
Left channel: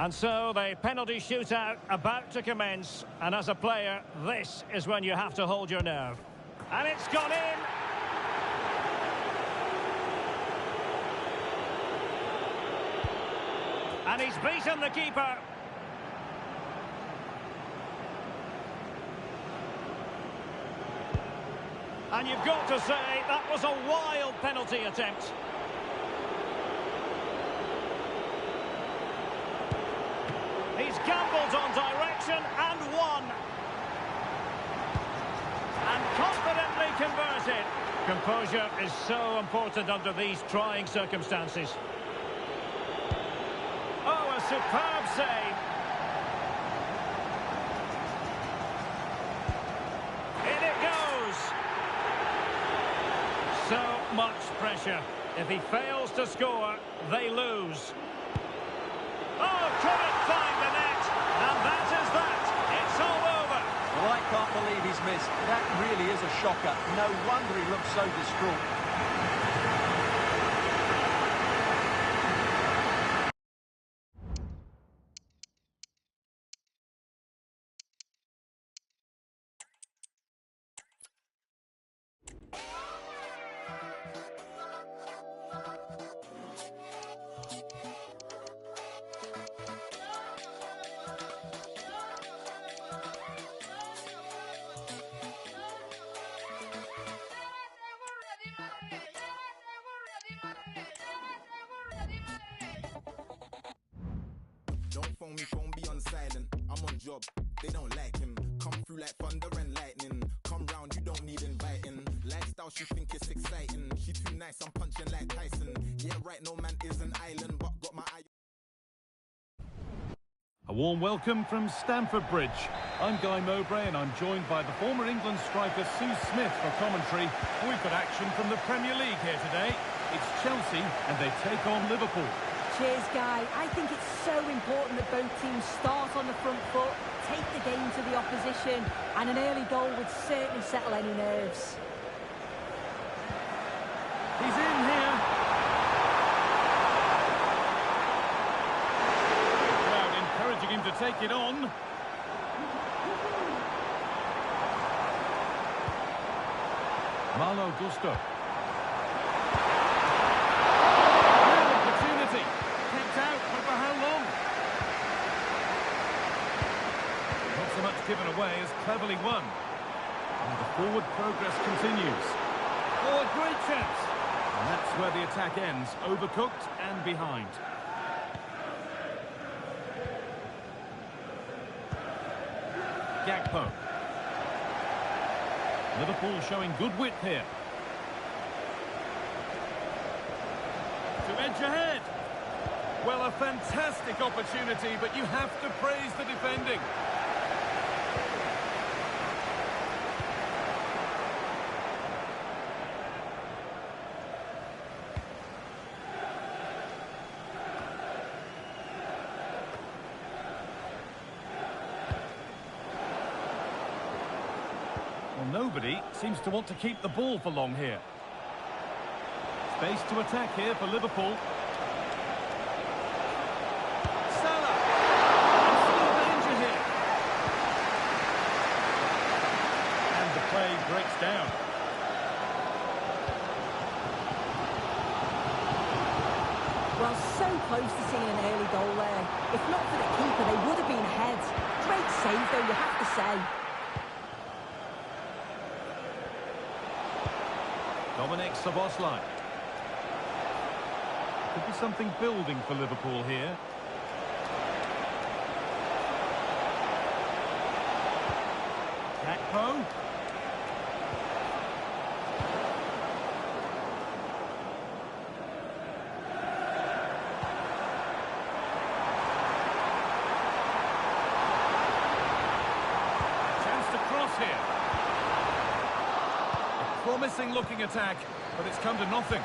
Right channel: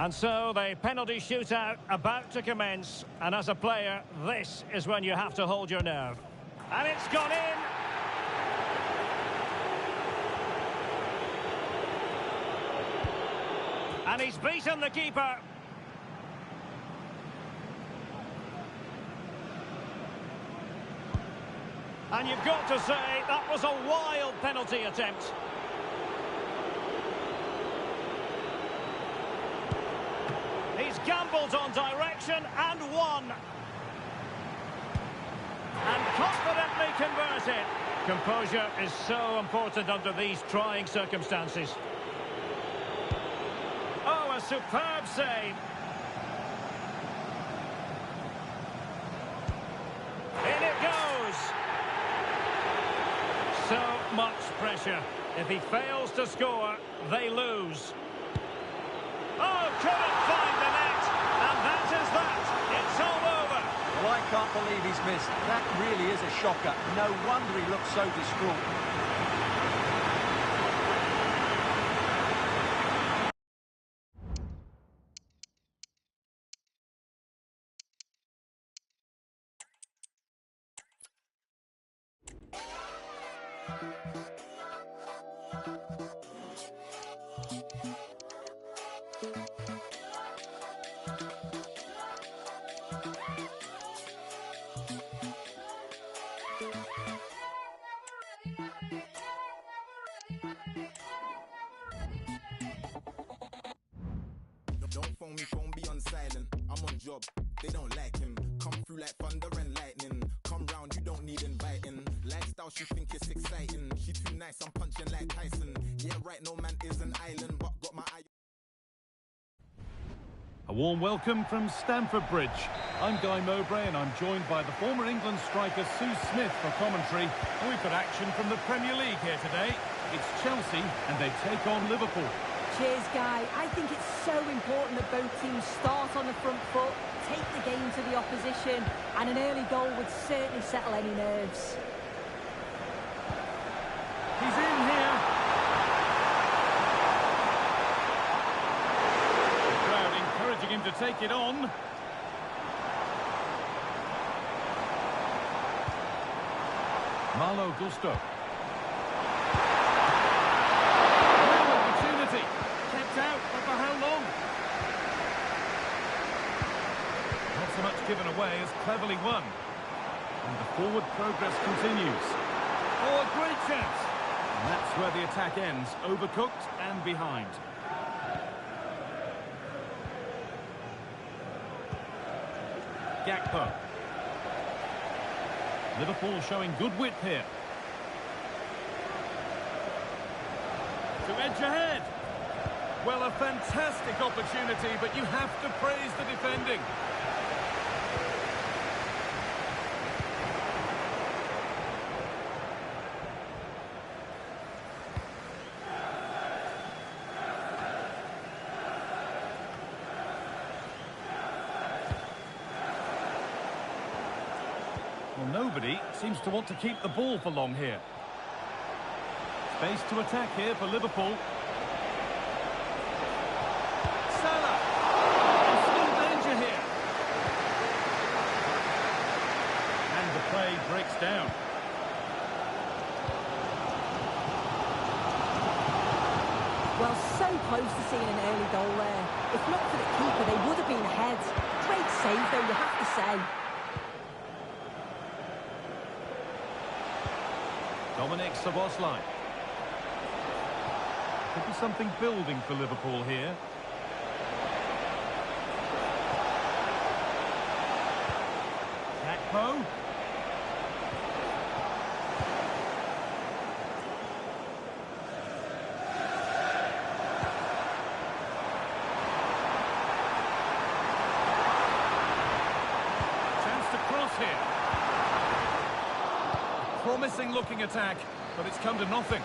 And so the penalty shootout about to commence. And as a player, this is when you have to hold your nerve. And it's gone in. And he's beaten the keeper. And you've got to say, that was a wild penalty attempt. He's gambled on direction and won. And confidently converted. Composure is so important under these trying circumstances. Oh, a superb save. In it goes. So much pressure. If he fails to score, they lose. Oh, couldn't find the net. And that is that. It's all over. Well, I can't believe he's missed. That really is a shocker. No wonder he looks so distraught. Don't phone be on silent. I'm on job, they don't like him. Come through like thunder and lightning. Come round, you don't need inviting. Lifestyle, she think it's exciting. She too nice, I'm punching like Tyson. Yeah, right, no man is an island, but got my eye. A warm welcome from Stamford Bridge. I'm Guy Mowbray and I'm joined by the former England striker Sue Smith for commentary. And we've got action from the Premier League here today. It's Chelsea and they take on Liverpool. Cheers, Guy. I think it's so important that both teams start on the front foot, take the game to the opposition, and an early goal would certainly settle any nerves. He's in here. The crowd encouraging him to take it on. Malo Gusto. Real opportunity. Kept out, but for how long? Not so much given away as cleverly won. And the forward progress continues. Oh, a great chance. And that's where the attack ends, overcooked and behind. Gakpo. Liverpool showing good width here. To edge ahead. Well, a fantastic opportunity, but you have to praise the defending. Well, nobody seems to want to keep the ball for long here. Space to attack here for Liverpool. Salah! And still danger here. And the play breaks down. Well, so close to seeing an early goal there. If not for the keeper, they would have been ahead. Great save, though, you have to say. Dominic Szoboszlai. Could be something building for Liverpool here. Gakpo. Chance to cross here. Promising looking attack, but it's come to nothing.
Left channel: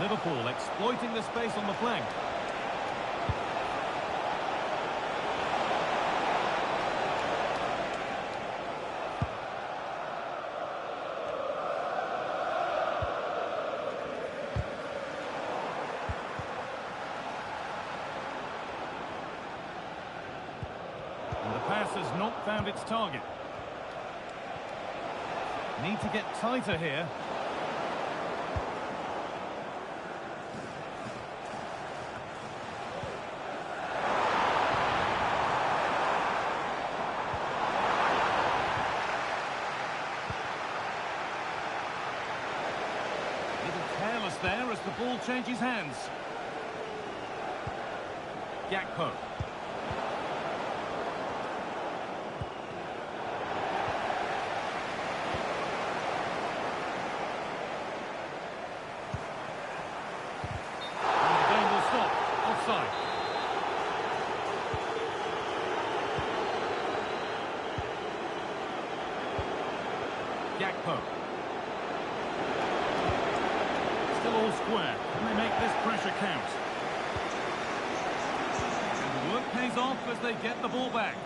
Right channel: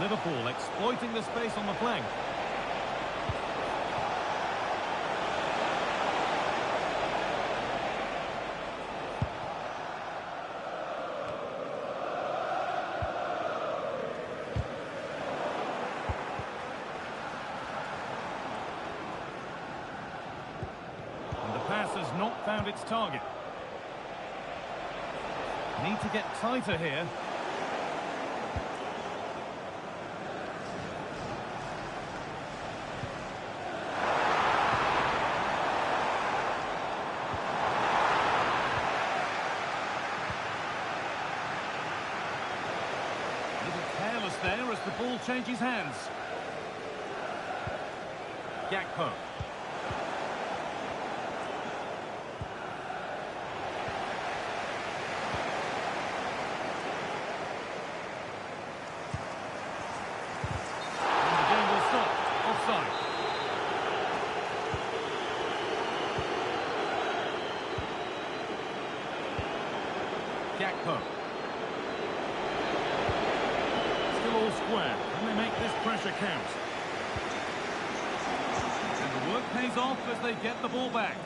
Liverpool exploiting the space on the flank. And the pass has not found its target. Need to get tighter here. Careless there as the ball changes hands. Gakpo. And the game will stop. Offside. Gakpo. Still all square. Can they make this pressure count? And the work pays off as they get the ball back.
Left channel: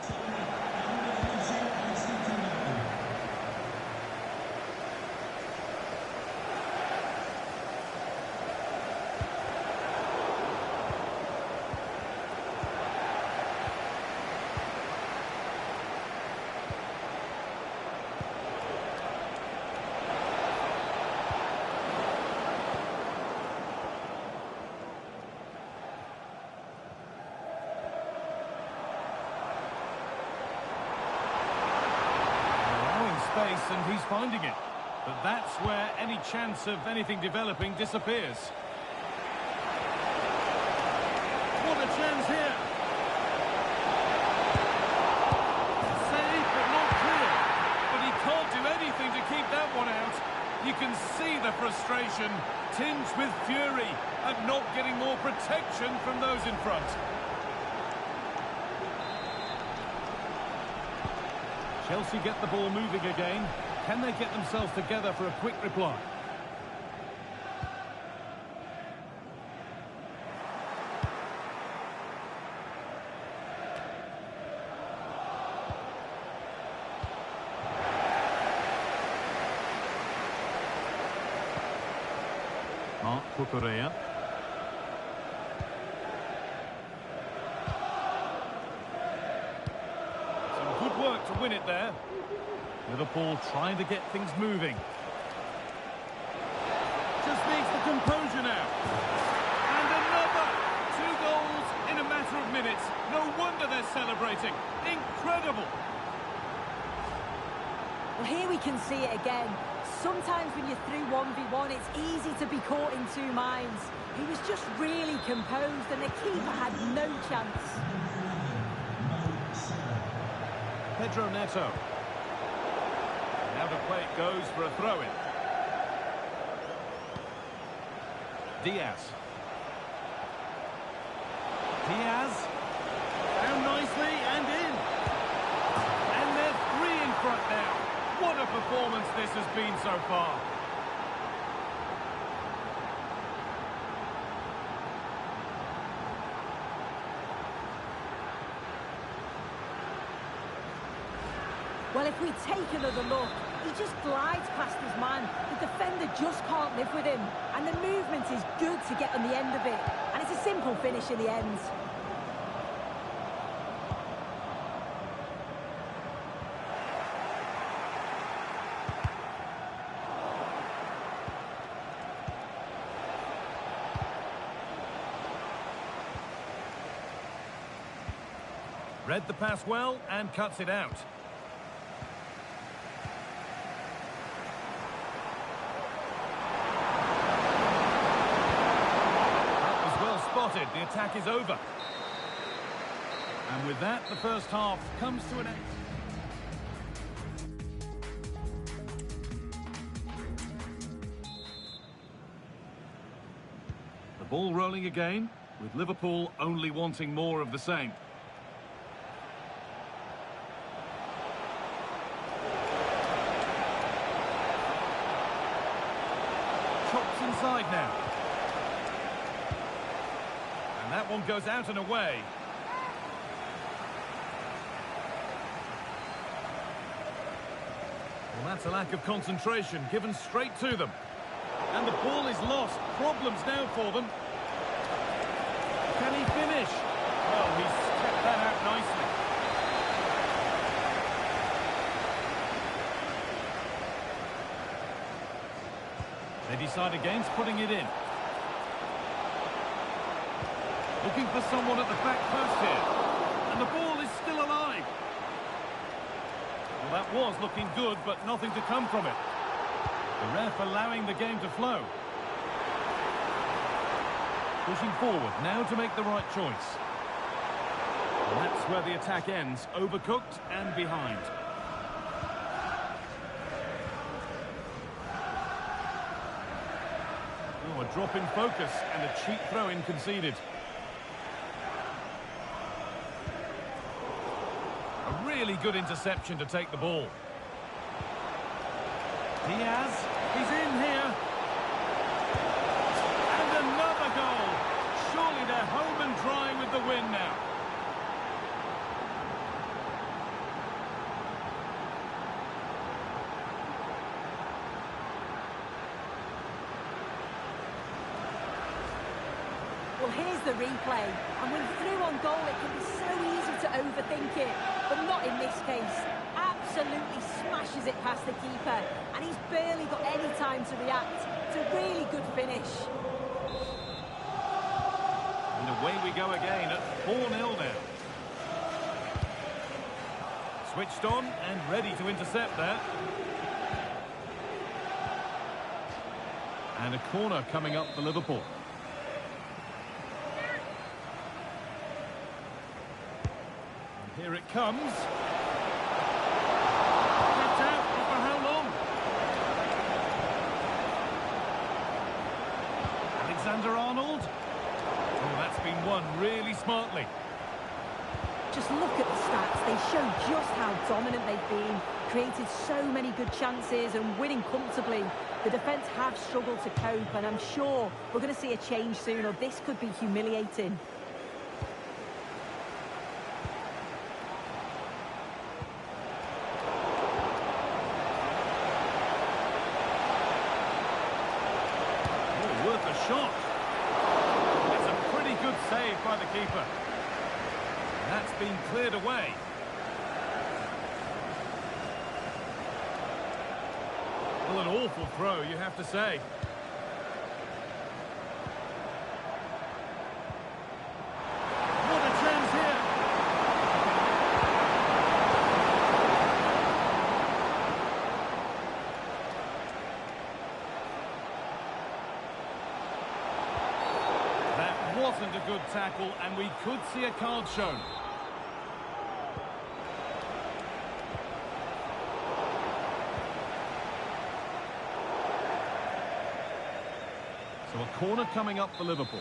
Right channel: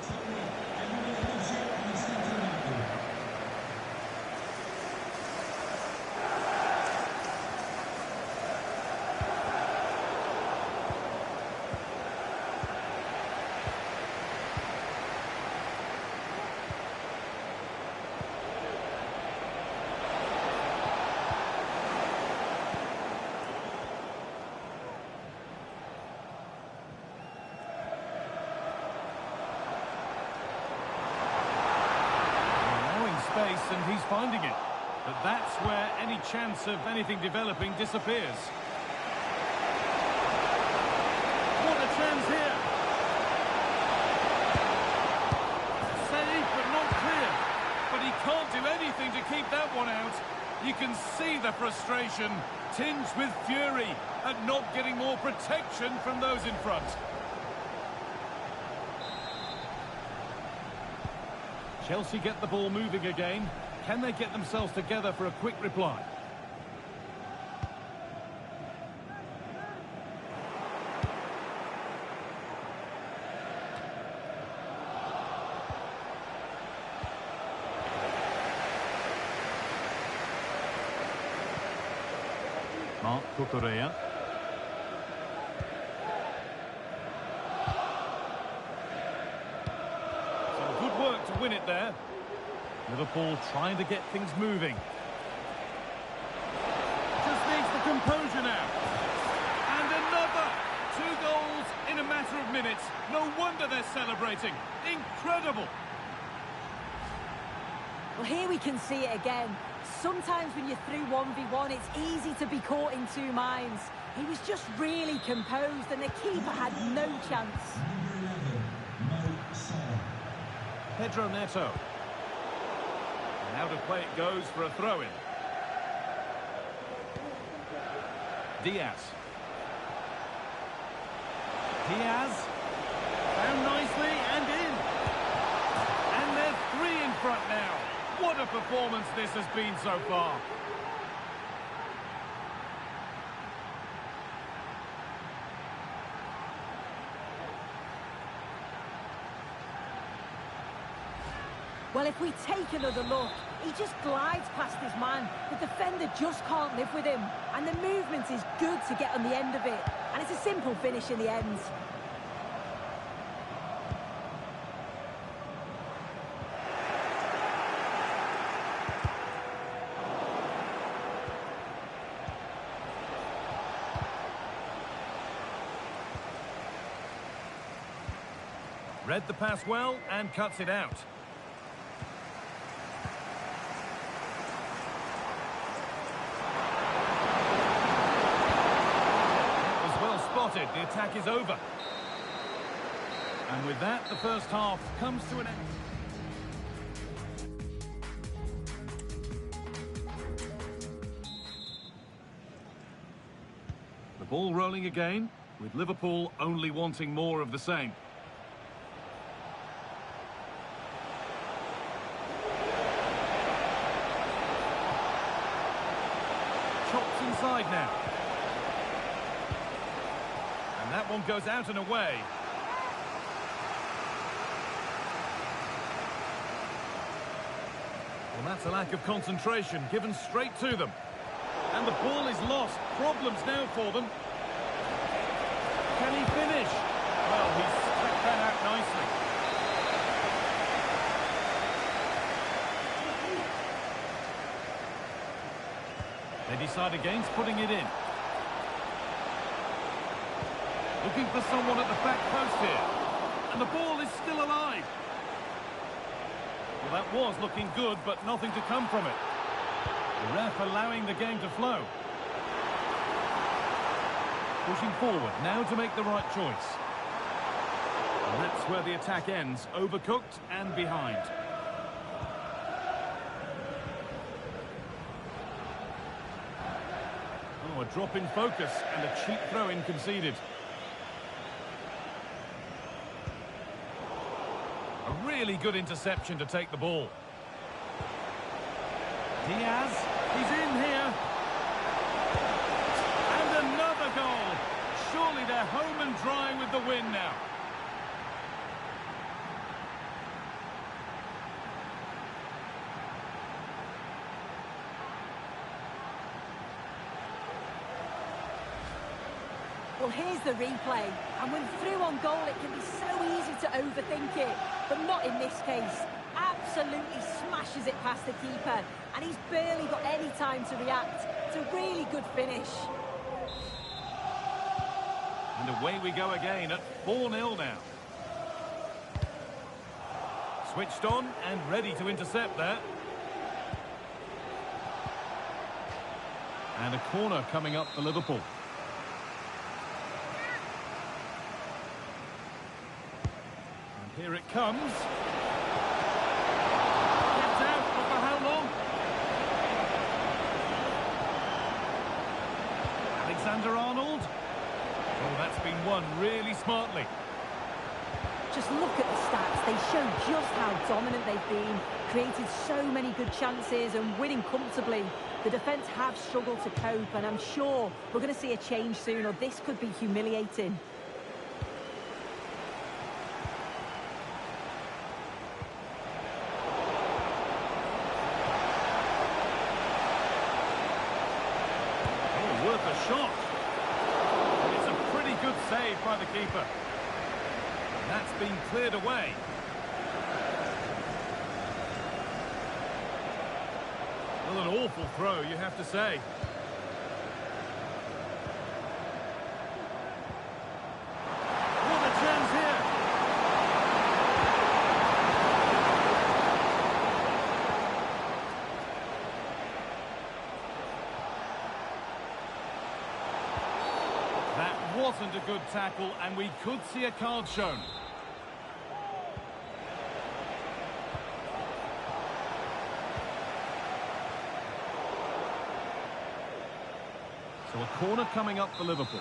Space and he's finding it, but that's where any chance of anything developing disappears. What a chance here! Save, but not clear. But he can't do anything to keep that one out. You can see the frustration, tinged with fury, at not getting more protection from those in front. Chelsea get the ball moving again. Can they get themselves together for a quick reply? Marc Cucurella. Good work to win it there. Liverpool trying to get things moving. Just needs the composure now. And another! 2 goals in a matter of minutes. No wonder they're celebrating. Incredible! Well, here we can see it again. Sometimes when you're through 1v1, it's easy to be caught in two minds. He was just really composed and the keeper had no chance. Pedro Neto. And out of play it goes for a throw-in. Diaz. Diaz. Found nicely and in. And they're three in front now. What a performance this has been so far. Well, if we take another look, he just glides past his man. The defender just can't live with him. And the movement is good to get on the end of it. And it's a simple finish in the end. Read the pass well and cuts it out. That was well spotted. The attack is over. And with that, the first half comes to an end. The ball rolling again, with Liverpool only wanting more of the same. Chops inside now. And that one goes out and away. Well, that's a lack of concentration, given straight to them. And the ball is lost. Problems now for them. Can he finish? Well, he's kept that out nicely. They decide against putting it in. Looking for someone at the back post here. And the ball is still alive. Well, that was looking good, but nothing to come from it. The ref allowing the game to flow. Pushing forward, now to make the right choice. And that's where the attack ends, overcooked and behind. Oh, a drop in focus and a cheap throw-in conceded. A really good interception to take the ball. Diaz, he's in here. And another goal. Surely they're home and dry with the win now. Well, here's the replay. And when through on goal, it can be so easy to overthink it. But not in this case. Absolutely smashes it past the keeper. And he's barely got any time to react. It's a really good finish. And away we go again at 4-0 now. Switched on and ready to intercept that. And a corner coming up for Liverpool. Here it comes. Kept out, but for how long? Alexander-Arnold. Oh, that's been won really smartly. Just look at the stats. They show just how dominant they've been. Created so many good chances and winning comfortably. The defence have struggled to cope, and I'm sure we're going to see a change soon, or this could be humiliating. Worth a shot. It's a pretty good save by the keeper. And that's been cleared away. Well, an awful throw, you have to say. What a chance here. wasn't a good tackle, and we could see a card shown. So a corner coming up for Liverpool.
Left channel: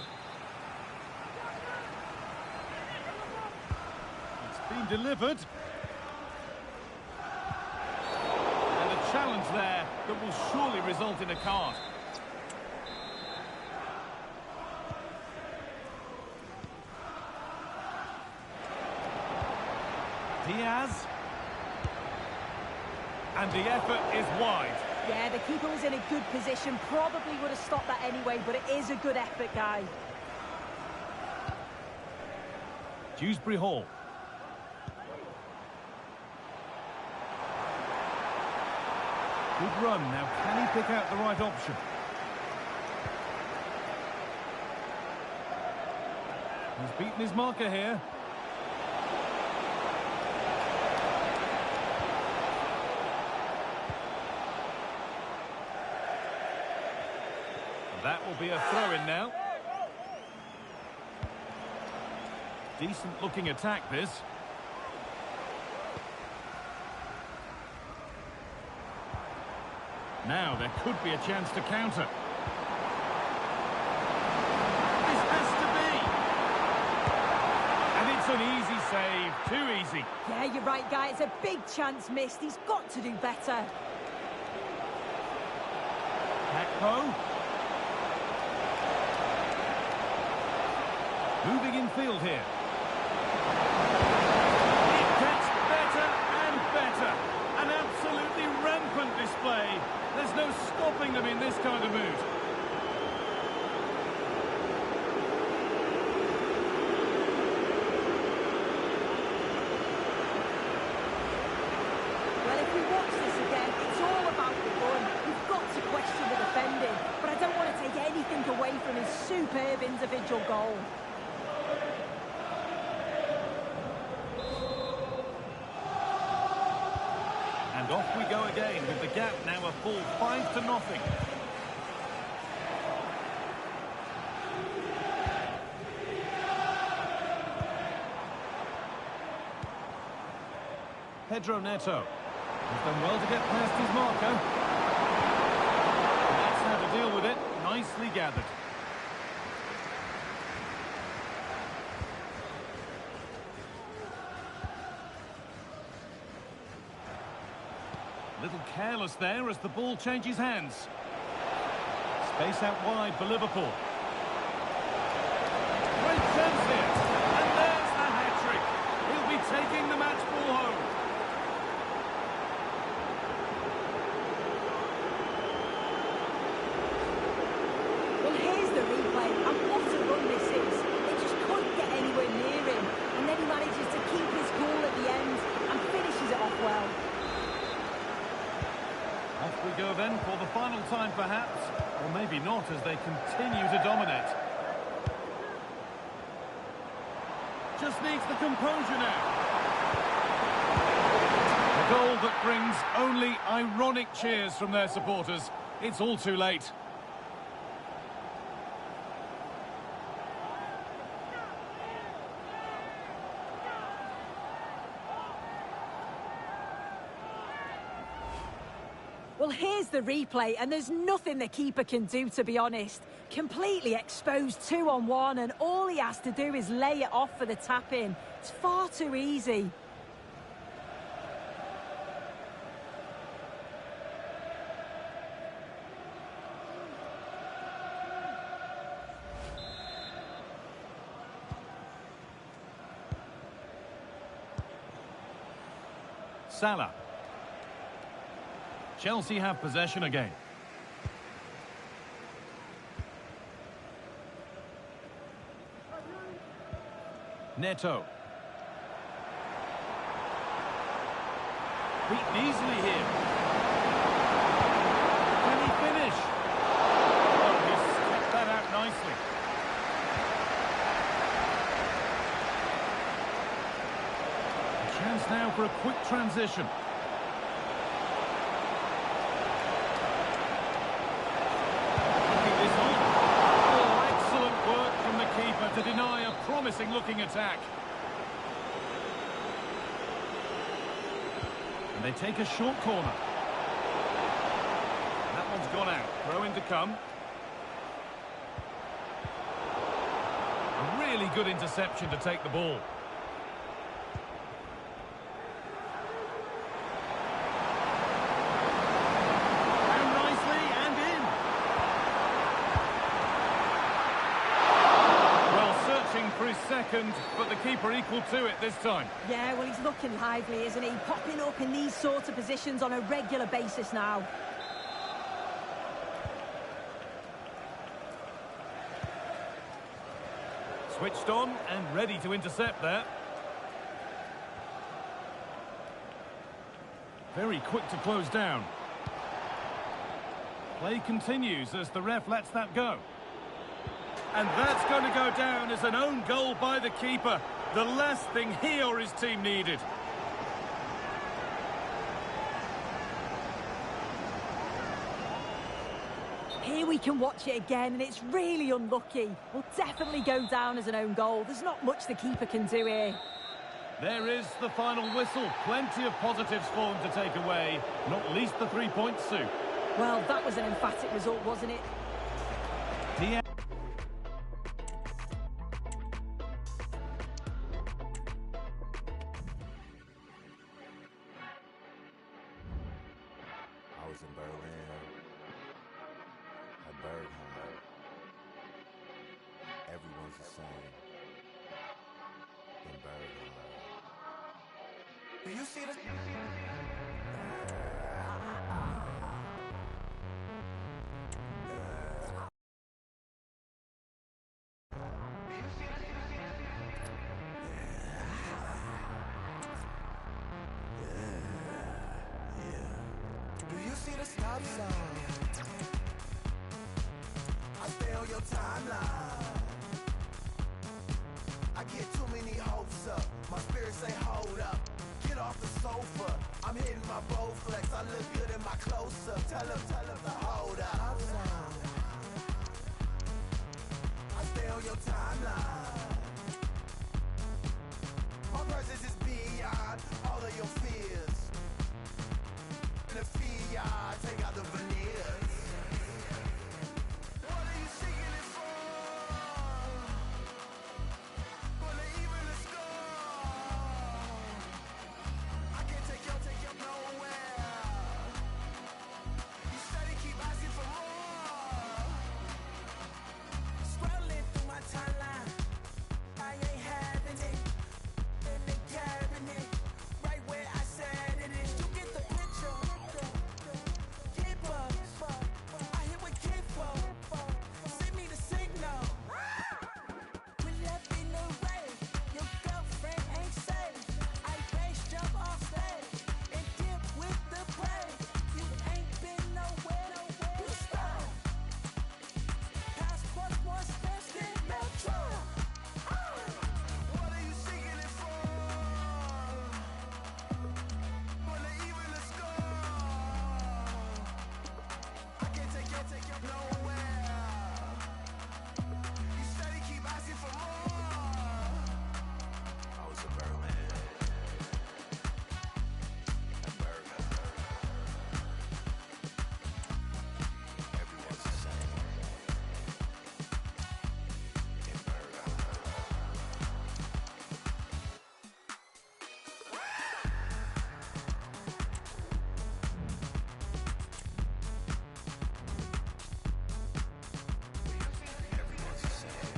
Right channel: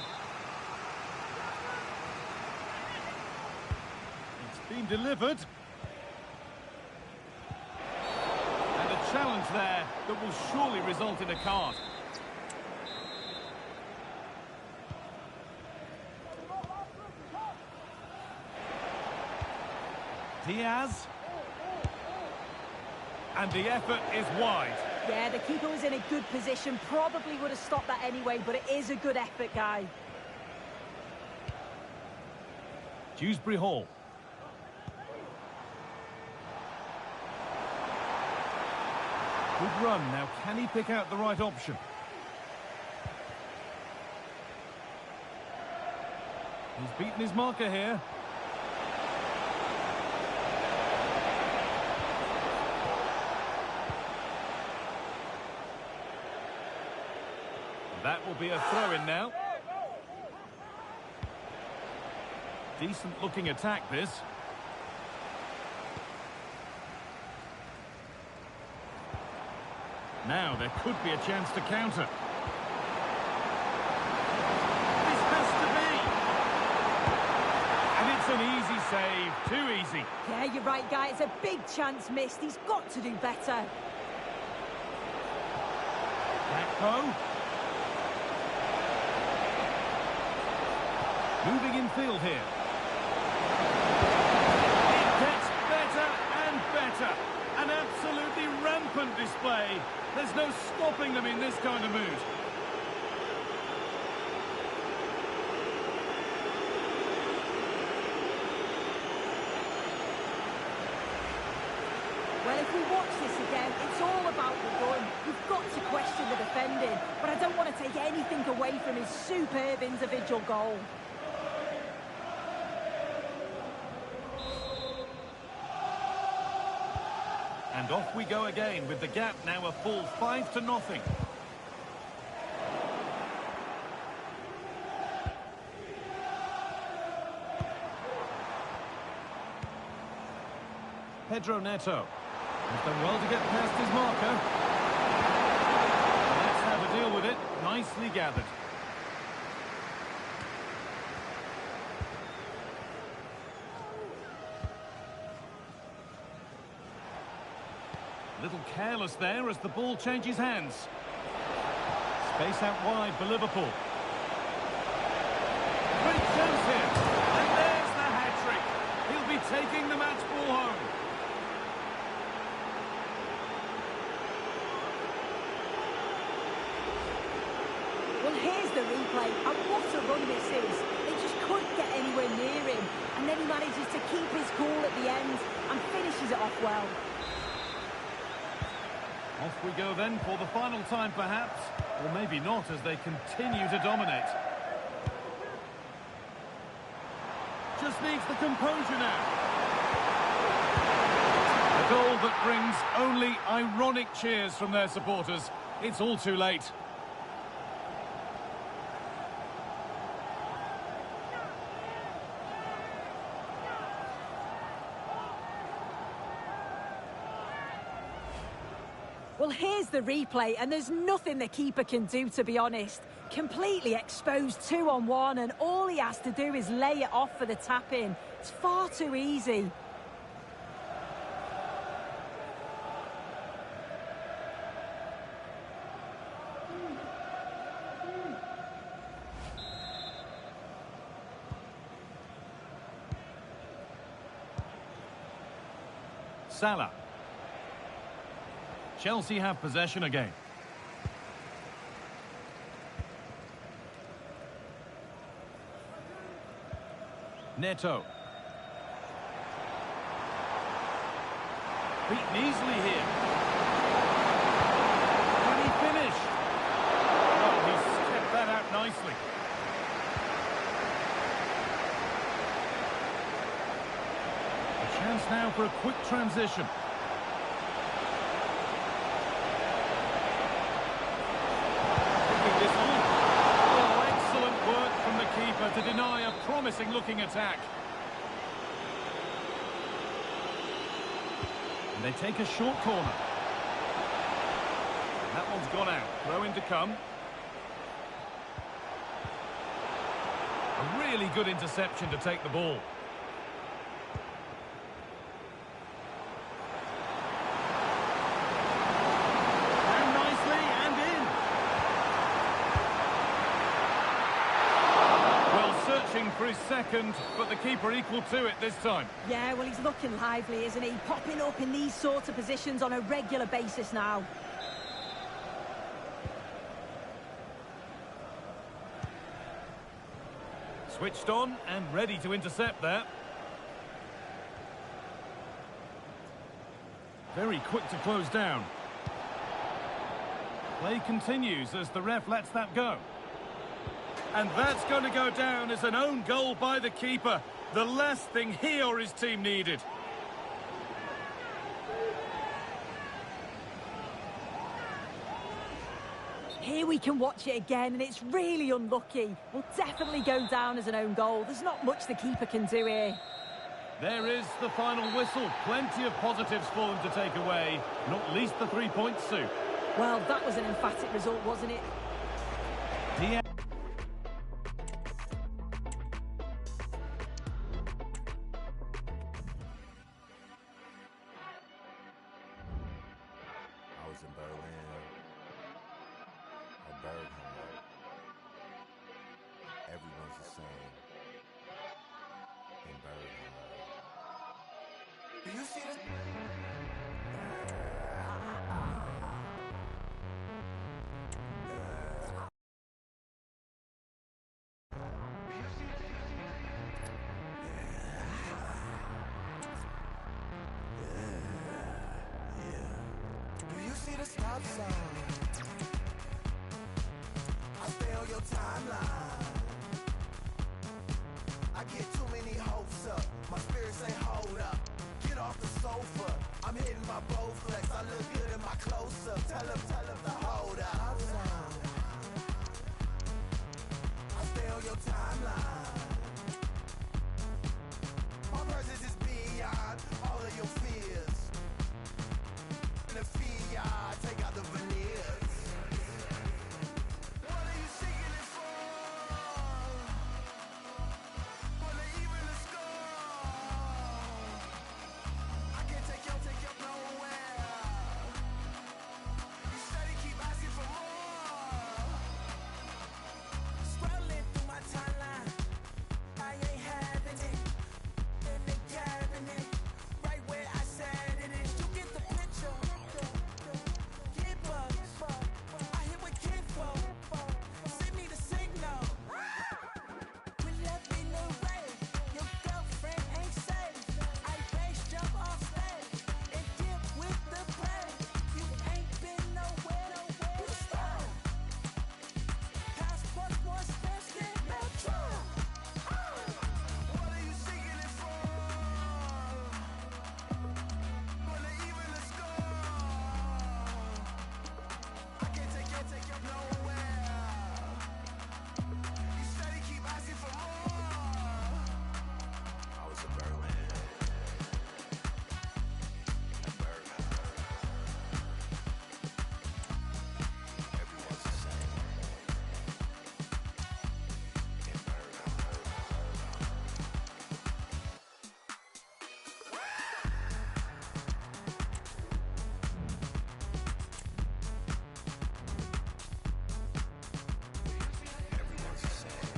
It's been delivered. And a challenge there that will surely result in a card. Diaz. And the effort is wide. Yeah, the keeper was in a good position. Probably would have stopped that anyway, but it is a good effort, guy. Dewsbury Hall. Good run. Now, can he pick out the right option? He's beaten his marker here. That will be a throw-in now. Decent-looking attack, this. Now, there could be a chance to counter. This has to be! And it's an easy save. Too easy. Yeah, you're right, guy. It's a big chance missed. He's got to do better. Gakpo. Moving in field here. It gets better and better. An absolutely rampant display. There's no stopping them in this kind of mood. Well, if we watch this again, it's all about the run. You've got to question the defending, but I don't want to take anything away from his superb individual goal. And off we go again with the gap now a full 5-0. Pedro Neto. He's done well to get past his marker. And that's how to deal with it. Nicely gathered. Little careless there as the ball changes hands. Space out wide for Liverpool. Great chance here. And there's the hat-trick. He'll be taking the match ball home. Well, here's the replay, and what a run this is. They just couldn't get anywhere near him, and then he manages to keep his cool at the end and finishes it off well. Off we go then for the final time perhaps, or maybe not as they continue to dominate. Just needs the composure now. A goal that brings only ironic cheers from their supporters. It's all too late. Well, here's the replay, and there's nothing the keeper can do, to be honest. Completely exposed 2-on-1, and all he has to do is lay it off for the tap-in. It's far too easy. Salah. Chelsea have possession again. Neto. Beaten easily here. Can he finish? Oh, he's kept that out nicely. A chance now for a quick transition. This on. Oh, excellent work from the keeper. keeper to deny a promising-looking attack. And they take a short corner. That one's gone out. Throw in to come. A really good interception to take the ball. Down nicely and in. Well, searching for his second, but the keeper equal to it this time. Yeah, well, he's looking lively, isn't he? Popping up in these sorts of positions on a regular basis now. Switched on and ready to intercept there. Very quick to close down. Play continues as the ref lets that go. And that's going to go down as an own goal by the keeper. The last thing he or his team needed. Here we can watch it again, and it's really unlucky. Will definitely go down as an own goal. There's not much the keeper can do here. There is the final whistle. Plenty of positives for them to take away. Not least the 3 points, Sue. Well, that was an emphatic result, wasn't it? Diaz. I was in Berlin, at Berghammer. Everyone's the same in Berghammer. Do you see this? Do you see the stop sign? I stay on your timeline. I get too many hopes up. My spirit say hold up. Get off the sofa. I'm hitting my Bowflex. I look good in my close-up. Tell him to hold up. I stay on your timeline. My presence is beyond all of your fears. The fiat, take out the veneers. What are you seeking it for? Will it even a score? I can't take you nowhere. You steady keep asking for more. Scrolling through my timeline, I ain't having it. In the cabinet, right where I said it is. You get the picture. Keep up. I hit with Kifo. Send me the signal. Pull up in the rain. Your girlfriend ain't safe. I base jump off stage and dip with the play. You ain't been nowhere. You stop. Passport more expensive than Metro. What are you seeking it for? Will it even a score? I can't take you nowhere. You steady keep asking for more. I was in Berlin. At Berghammer. Everyone's the same. In Berghammer. Everyone's the same.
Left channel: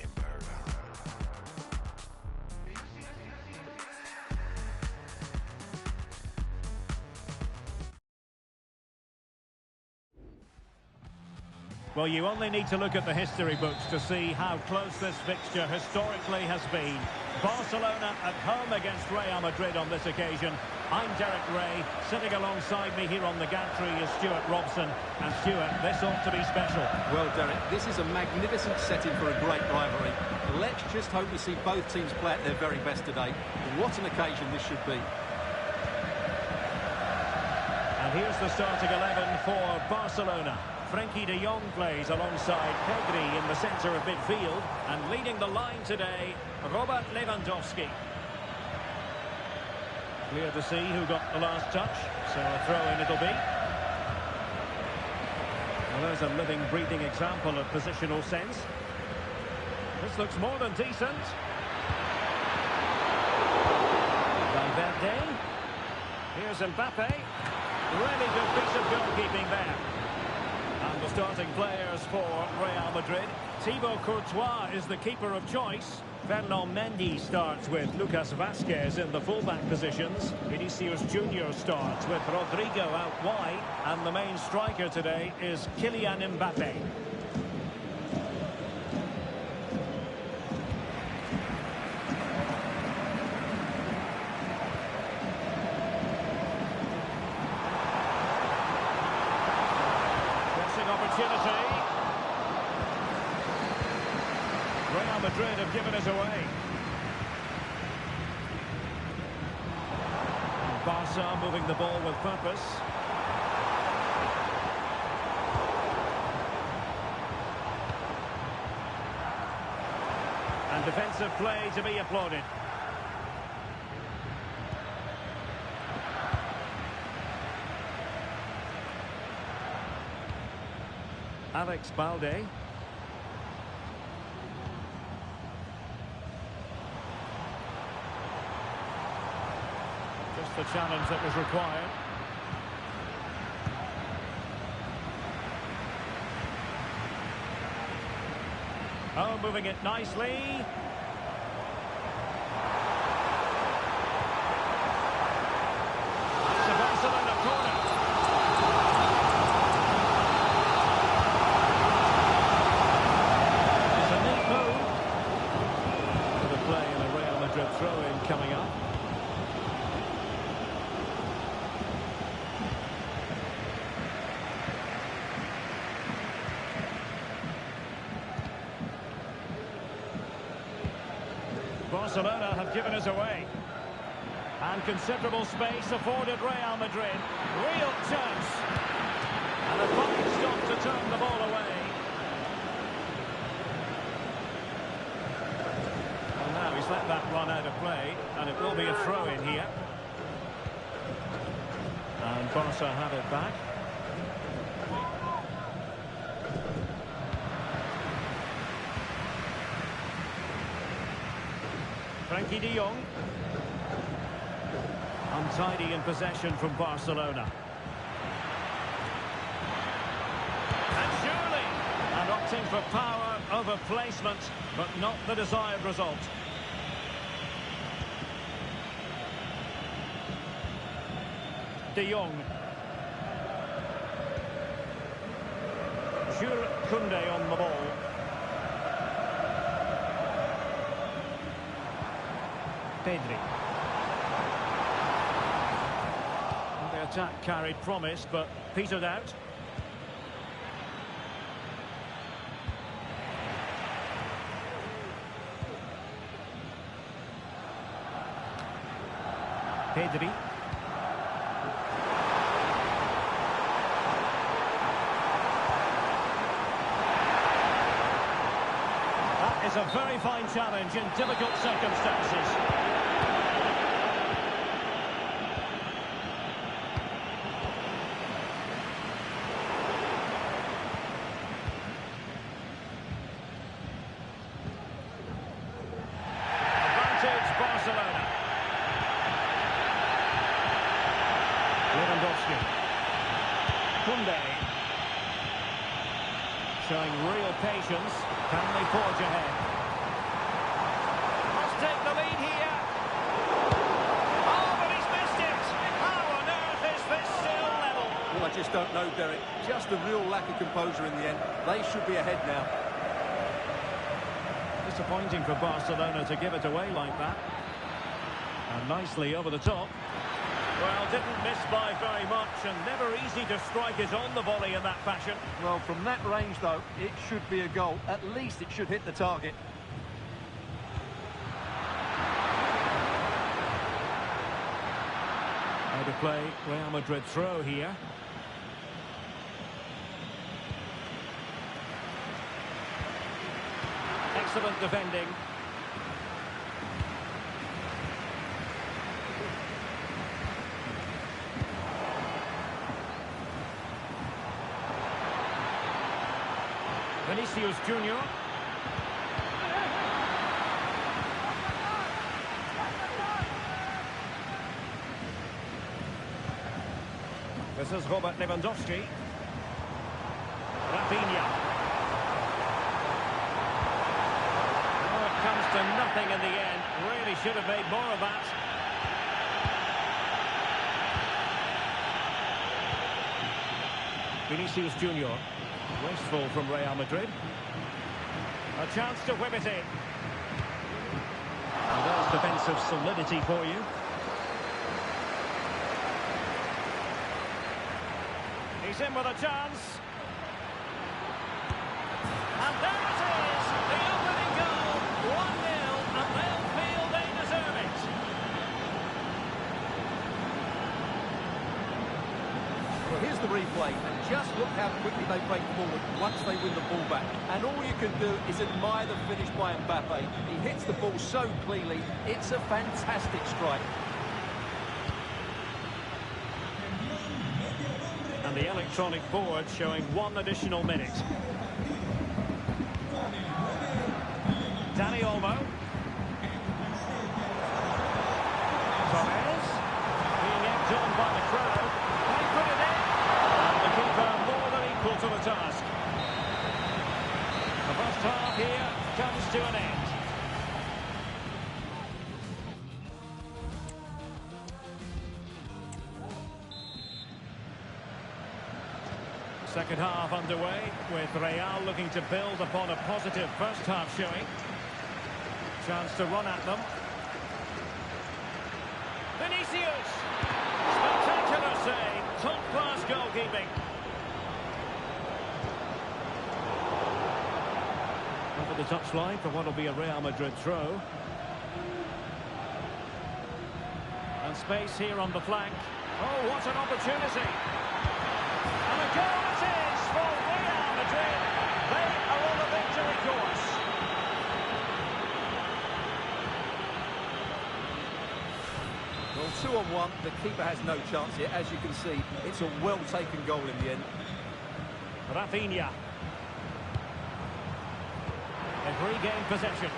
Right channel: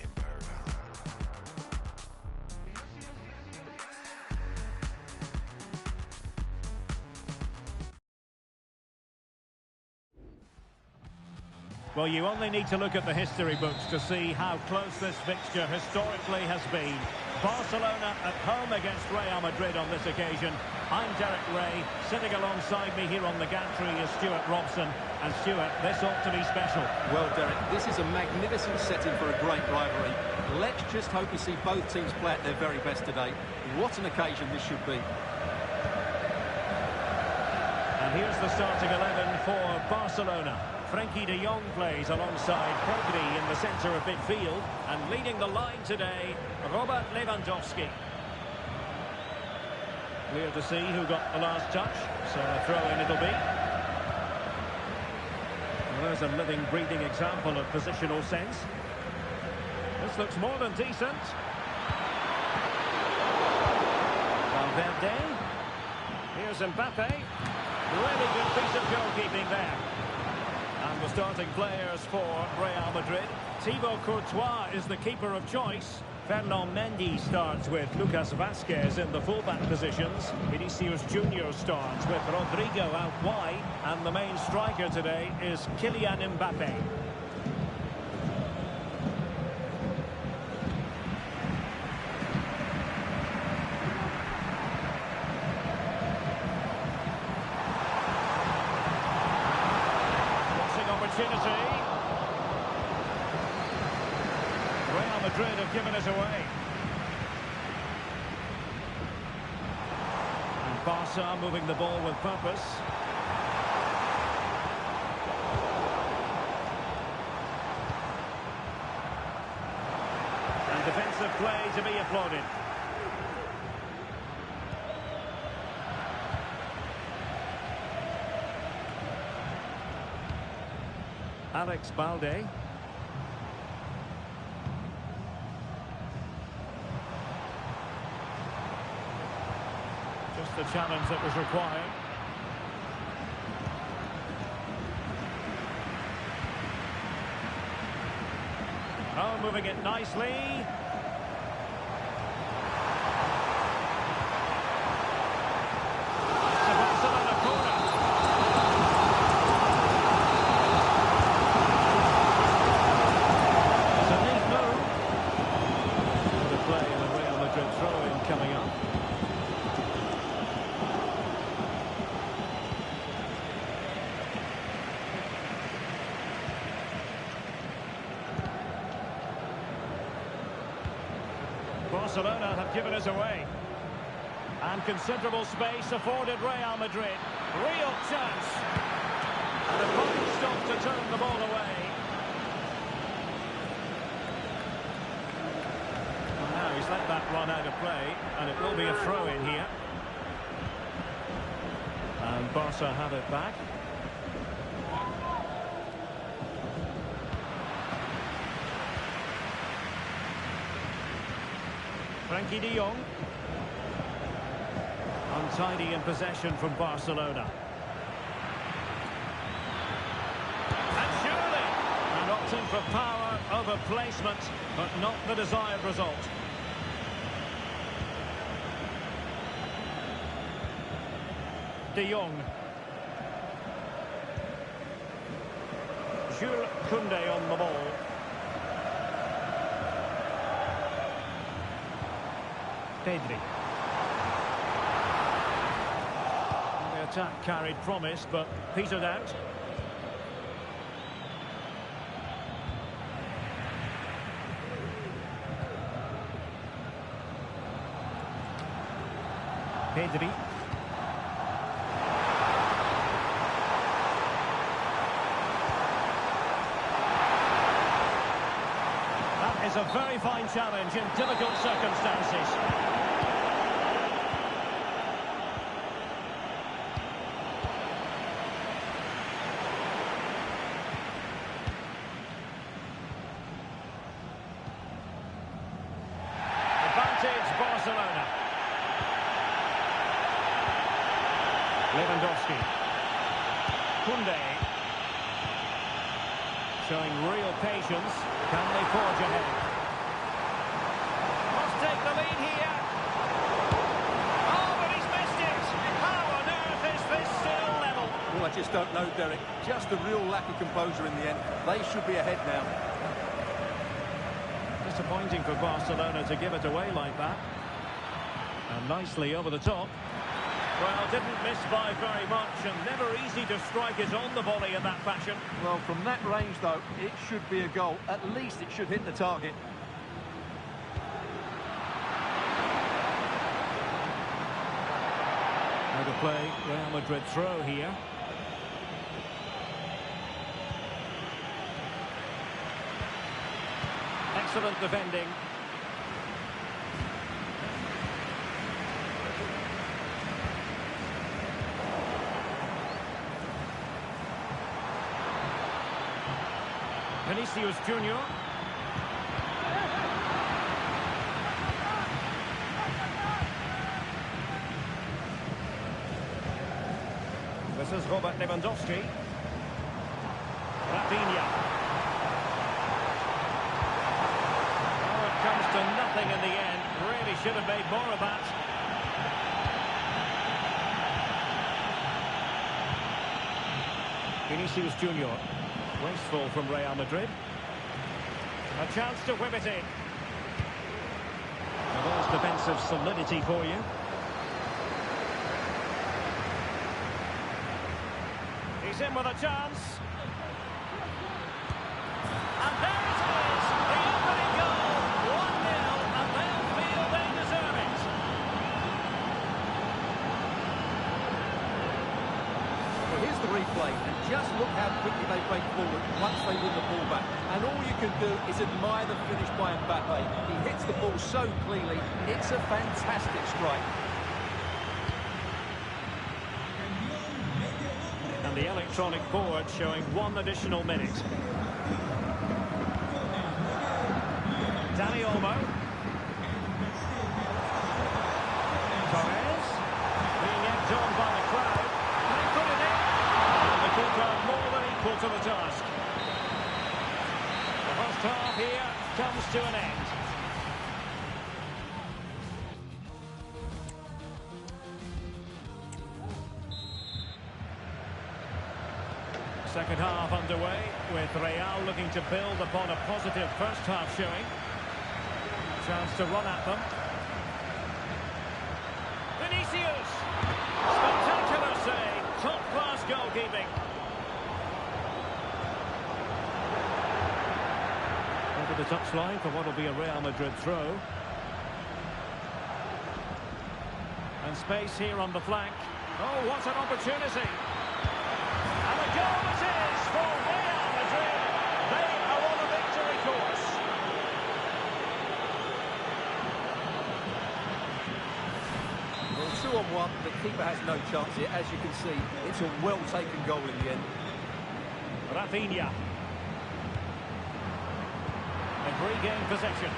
In Berghammer. Well, you only need to look at the history books to see how close this fixture historically has been. Barcelona at home against Real Madrid on this occasion. I'm Derek Ray. Sitting alongside me here on the gantry is Stuart Robson. And Stuart, this ought to be special. Well, Derek, this is a magnificent setting for a great rivalry. Let's just hope we see both teams play at their very best today. What an occasion this should be. And here's the starting 11 for Barcelona. Frenkie de Jong plays alongside Pedri in the centre of midfield. And leading the line today, Robert Lewandowski. Clear to see who got the last touch, so a throw-in it'll be. Well, there's a living, breathing example of positional sense. This looks more than decent. Valverde. Here's Mbappe. Really good piece of goalkeeping there. And the starting players for Real Madrid. Thibaut Courtois is the keeper of choice. Fernand Mendy starts with Lucas Vazquez in the fullback positions. Vinicius Junior starts with Rodrigo out wide. And the main striker today is Kylian Mbappe. Crossing opportunity. Real Madrid have given us away. And Barca moving the ball with purpose. And defensive play to be applauded. Alex Balde. Just the challenge that was required. Oh, moving it nicely. It's a Barcelona corner. It's a neat move. The play and a Real Madrid throw-in coming up. Barcelona have given us away. And considerable space afforded Real Madrid. Real chance. And a fine stop to turn the ball away. Well, now he's let that run out of play, and it will be a throw-in here. And Barca have it back. Frenkie de Jong. Untidy in possession from Barcelona. And surely! And opting for power over placement, but not the desired result. De Jong. Jules Koundé on the ball. Pedri. Well, the attack carried promise, but petered out. Pedri. That is a very fine challenge in difficult circumstances. Advantage Barcelona. Lewandowski. Koundé. Showing real patience. Can they forge ahead? Must take the lead here. Oh, but he's missed it. How on earth is this still level? Well, I just don't know, Derek. Just a real lack of composure in the end. They should be ahead now. Disappointing for Barcelona to give it away like that. And nicely over the top. Well, didn't miss by very much, and never easy to strike it on the volley in that fashion. Well, from that range, though, it should be a goal. At least it should hit the target. How to play Real Madrid throw here. Excellent defending. Vinicius Junior. This is Robert Lewandowski. Rafinha. Oh, it comes to nothing in the end. Really should have made more of that. Vinicius Junior. Wasteful from Real Madrid. A chance to whip it in. Well, there's defensive solidity for you. He's in with a chance. And there it is, the opening goal, 1-0, and they'll feel they deserve it. Well, here's the replay, and just look how quickly they break forward once they win the ball back. And all you can do is admire the finish by Mbappe. He hits the ball so cleanly, it's a fantastic strike. And the electronic board showing 1 additional minute. Dani Olmo. Torres. Being egged on by the crowd. Can he put it in? And the keeper more than equal to the task. The first half here comes to an end. Second half underway, with Real looking to build upon a positive first half showing. Chance to run at them. Vinicius! Spectacular save, top-class goalkeeping. Over the touchline for what will be a Real Madrid throw. And space here on the flank. Oh, what an opportunity! And a goal it is for Real Madrid. They are on a victory course. Well, 2-on-1, the keeper has no chance here. As you can see, it's a well-taken goal in the end. Rafinha. They've regained possession.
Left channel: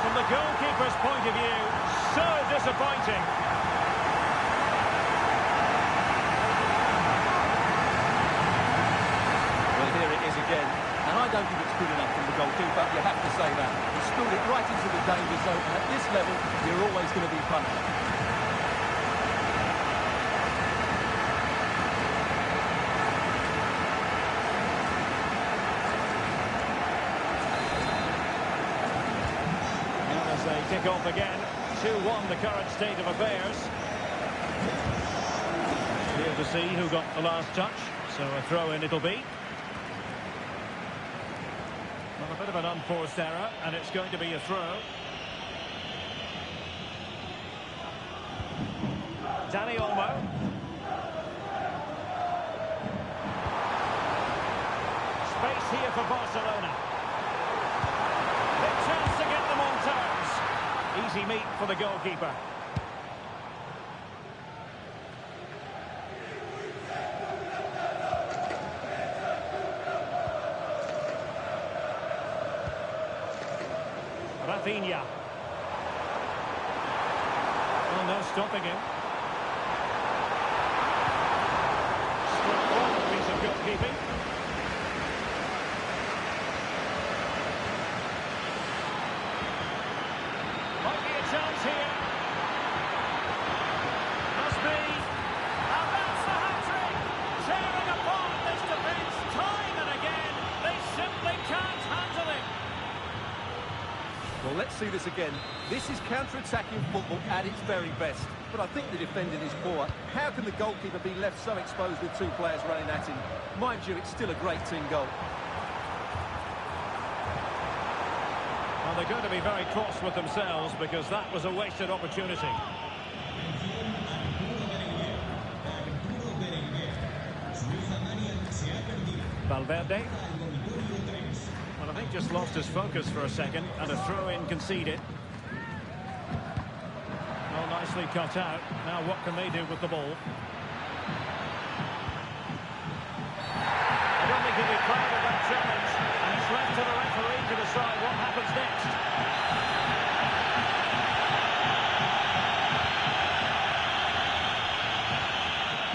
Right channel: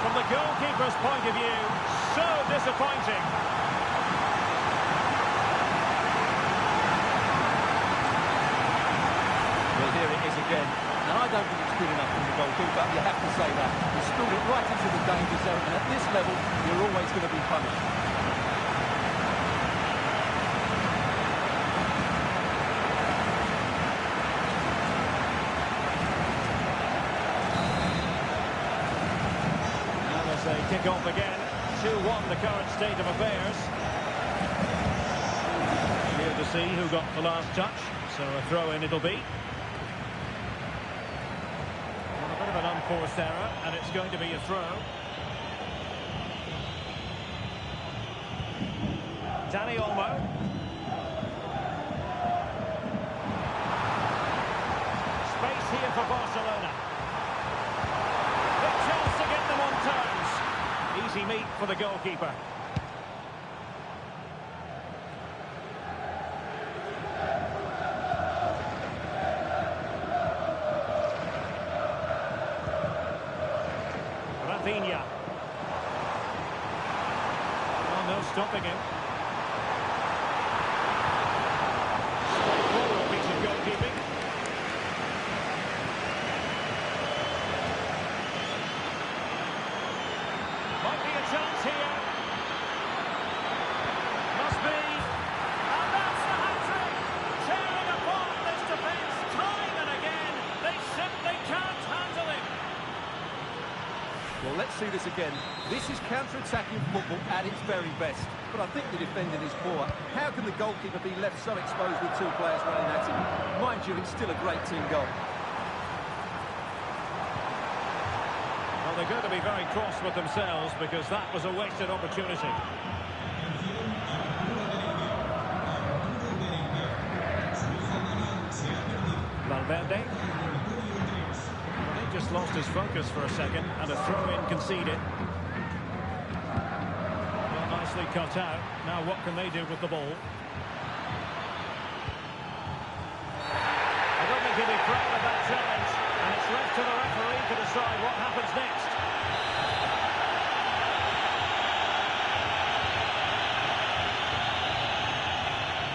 From the goalkeeper's point of view, so disappointing. Well, here it is again, and I don't think it's good enough from the goalkeeper, you have to say that. He spilled it right into the danger zone, and at this level, you're always going to be punished. They kick off again. 2-1 the current state of affairs. Clear to see who got the last touch, so a throw-in it'll be. Well, a bit of an unforced error, and it's going to be a throw. Dani Olmo. Space here for Barcelona. Big chance to get them on terms. Easy meat for the goalkeeper. Rafinha. Oh, no stopping him. Straightforward piece of goalkeeping. Might be a chance here. Must be. And that's the hat-trick. Tearing apart this defence time and again. They simply can't handle him. Well, let's see this again. This is counter-attacking football at its very best. But I think the defending is poor. How can the goalkeeper be left so exposed with 2 players running at him? Mind you, it's still a great team goal. Well, they're going to be very cross with themselves because that was a wasted opportunity. Valverde. Well, I think just lost his focus for a second, and a throw-in conceded. Well, nicely cut out. Now what can they do with the ball? I don't think he'll be proud of that challenge, and it's left to the referee to decide what happens next.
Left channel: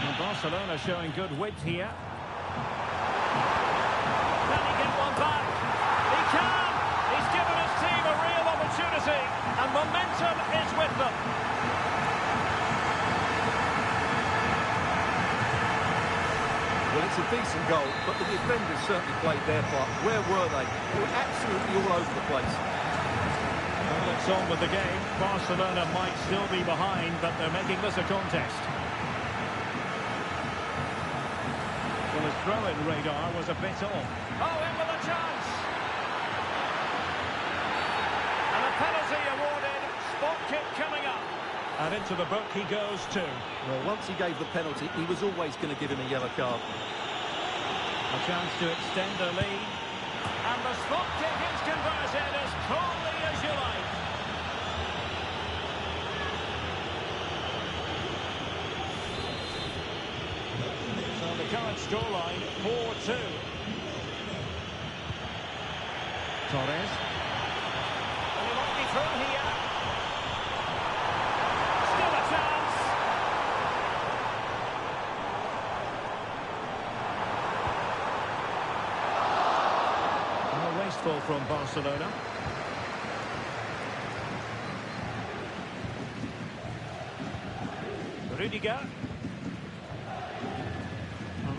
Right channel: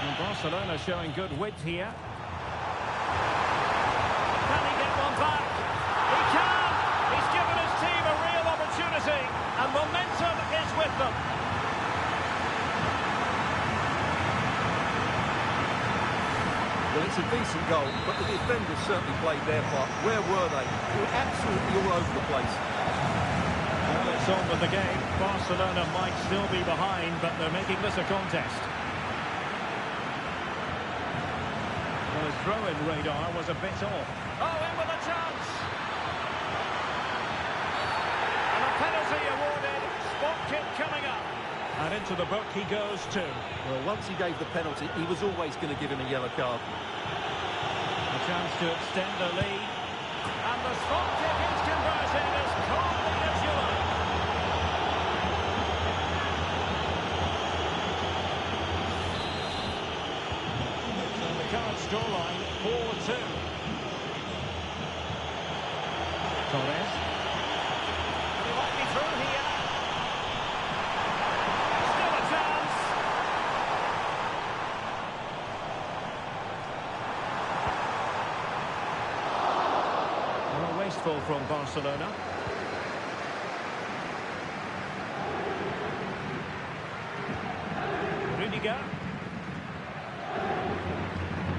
Well, Barcelona showing good width here. Can he get one back? He can! He's given his team a real opportunity, and momentum is with them. Well, it's a decent goal, but the defenders certainly played their part. Where were they? They were absolutely all over the place. Well, it's on with the game. Barcelona might still be behind, but they're making this a contest. Well, his throw-in radar was a bit off. Oh, in with a chance! And a penalty awarded. Spot kick coming up. And into the book he goes too. Well, once he gave the penalty, he was always going to give him a yellow card. A chance to extend the lead. And the spot kick is converted as coldly as you like. So the current scoreline, 4-2. Torres. And he might be through here. Chance. Well, wasteful from Barcelona. Rudiger.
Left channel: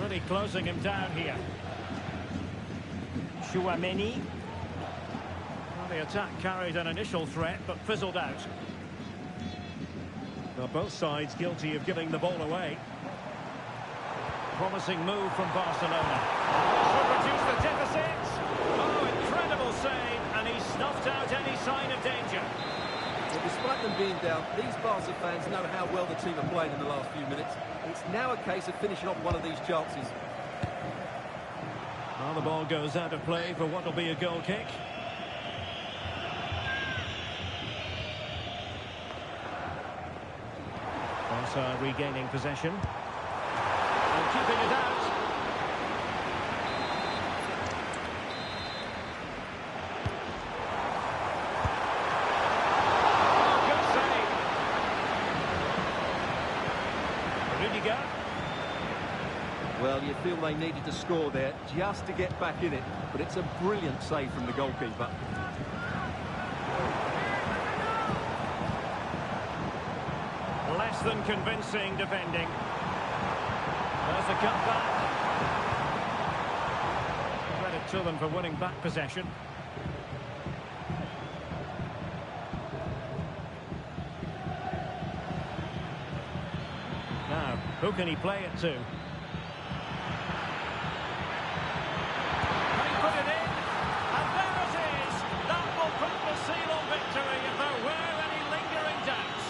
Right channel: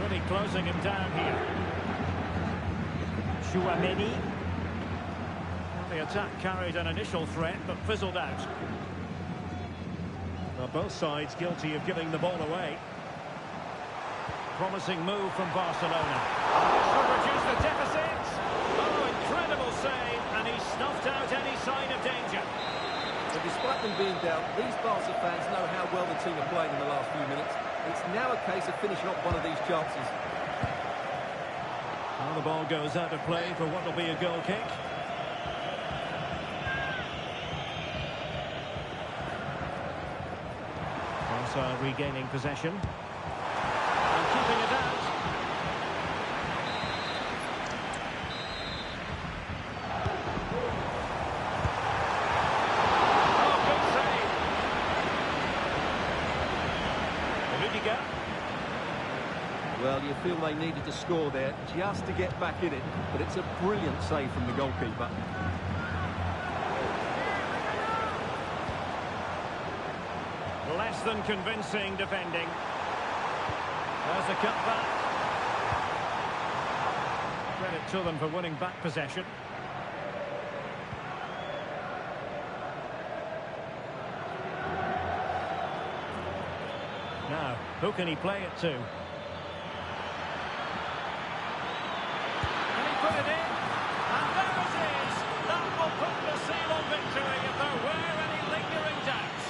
Really closing him down here. Tchouaméni. Well, the attack carried an initial threat, but fizzled out. Well, both sides guilty of giving the ball away. Promising move from Barcelona. And this would reduce the deficit. Oh, incredible save, and he snuffed out any sign of danger. Well, despite them being down, these Barca fans know how well the team are playing in the last few minutes. It's now a case of finishing off one of these chances. Well, the ball goes out of play for what will be a goal kick. Barca regaining possession and keeping it out. Oh, good save. Rudiger. Well, you feel they needed to score there just to get back in it, but it's a brilliant save from the goalkeeper. Less than convincing defending. There's the cutback. Credit to them for winning back possession. Now, who can he play it to? Can he put it in? And there it is! That will put the seal on victory if there were any lingering doubts.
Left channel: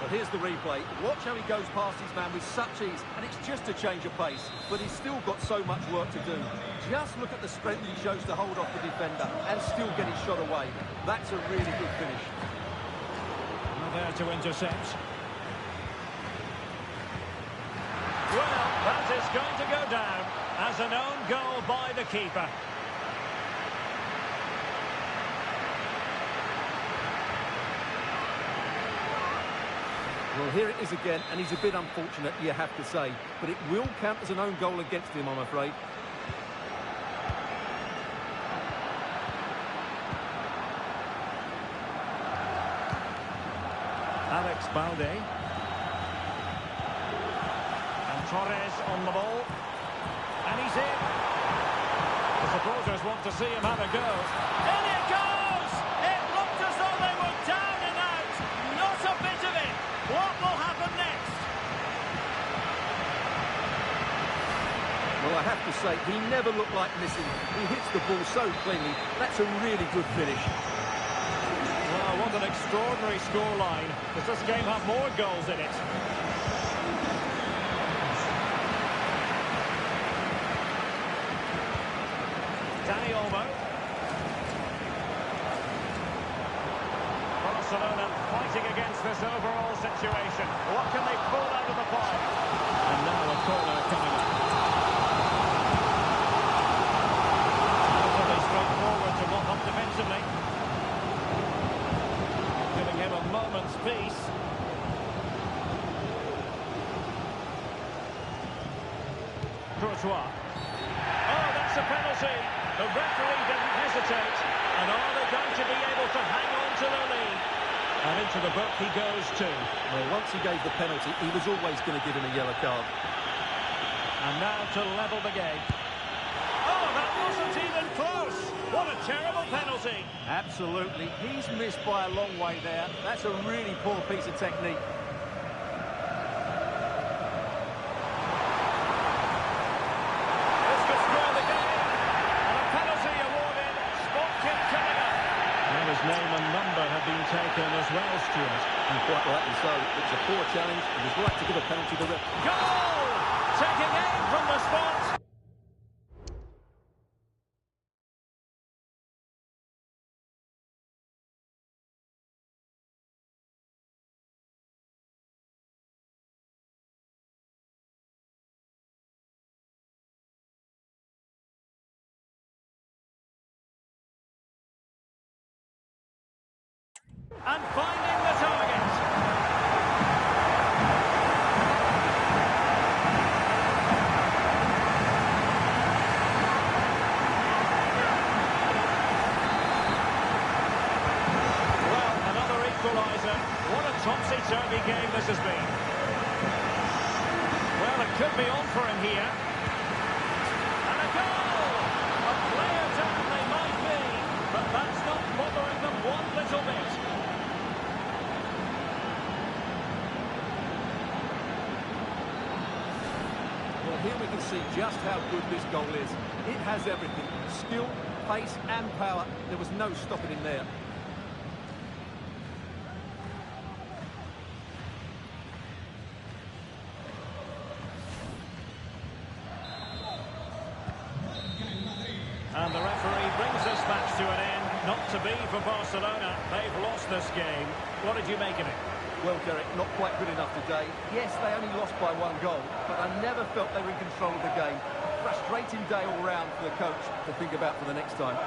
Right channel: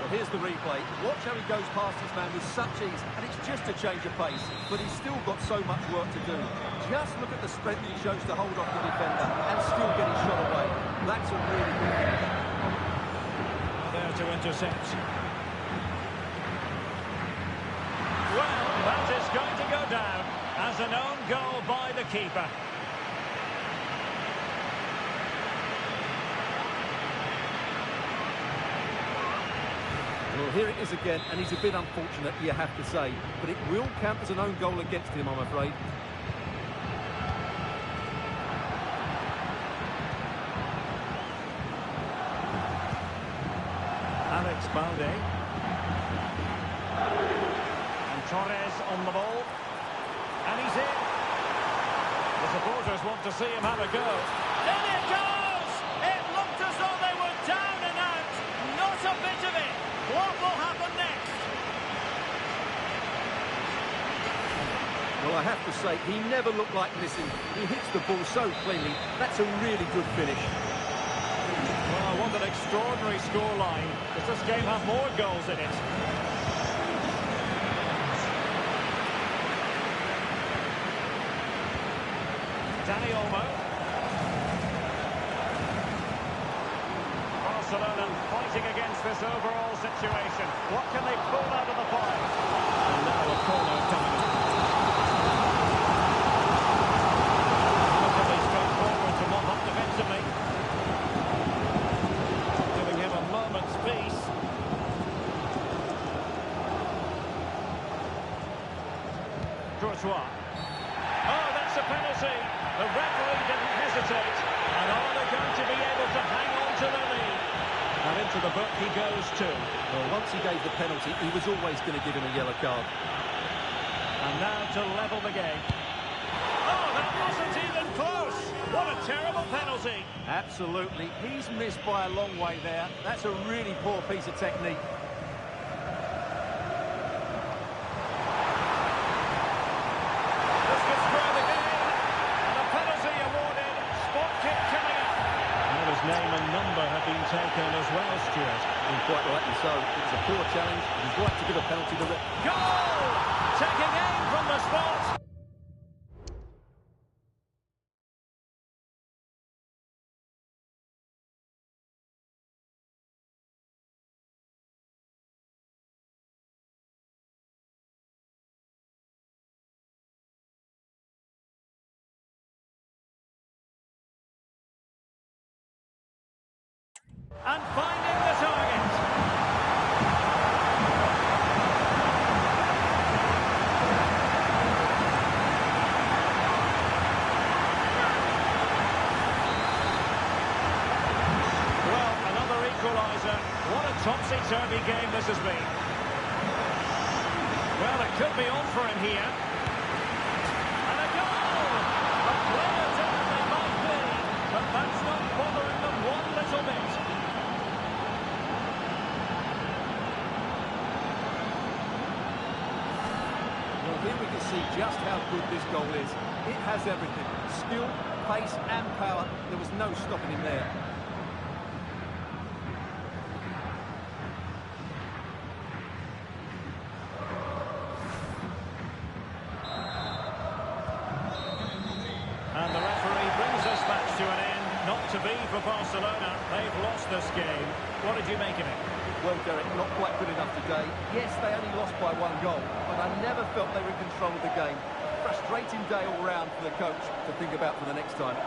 Well, here's the replay. Watch how he goes past his man with such ease, and it's just a change of pace. But he's still got so much work to do. Just look at the strength he shows to hold off the defender and still get his shot away. That's a really good finish. Now there to intercept. Well, that is going to go down as an own goal by the keeper. Well, here it is again, and he's a bit unfortunate, you have to say. But it will count as an own goal against him, I'm afraid. Alex Balde. And Torres on the ball. And he's in. The supporters want to see him have a go. In it goes! It looked as though they were down and out. Not a bit of it. What will happen next? Well, I have to say, he never looked like missing. He hits the ball so cleanly. That's a really good finish. Well, what an extraordinary scoreline. Does this game have more goals in it? Dani Olmo. Barcelona fighting against this overall situation. What can they pull out of the pie? And now a corner coming up. Relatively straightforward to mop up defensively. Giving him a moment's peace. Courtois. Oh, that's a penalty. The referee didn't hesitate. And are they going to be able to hang on to their lead? And into the book he goes too. Well, once he gave the penalty, he was always going to give him a yellow card. And now to level the game. Oh, that wasn't even close. What a terrible penalty. Absolutely. He's missed by a long way there. That's a really poor piece of technique. This could spoil the game. And a penalty awarded. Spot kick coming up. Well, his name and number have been taken as well, Stuart. And quite rightly so. It was a poor challenge. It was right to give a penalty to the ref. Goal! Taking aim from the spot. And finding the target. Well, another equaliser. What a topsy-turvy game this has been. Well, it could be on for him here. And a goal! A player down they might be, but that's not bothering them one little bit. Well, here we can see just how good this goal is. It has everything. Skill, pace and power. There was no stopping him there. And the referee brings this match to an end. Not to be for Barcelona. They've lost this game. What did you make of it? Well, Derek, not quite good enough today. Yes, they only lost by one goal, but I never felt they were in control of the game. A frustrating day all round for the coach to think about for the next time.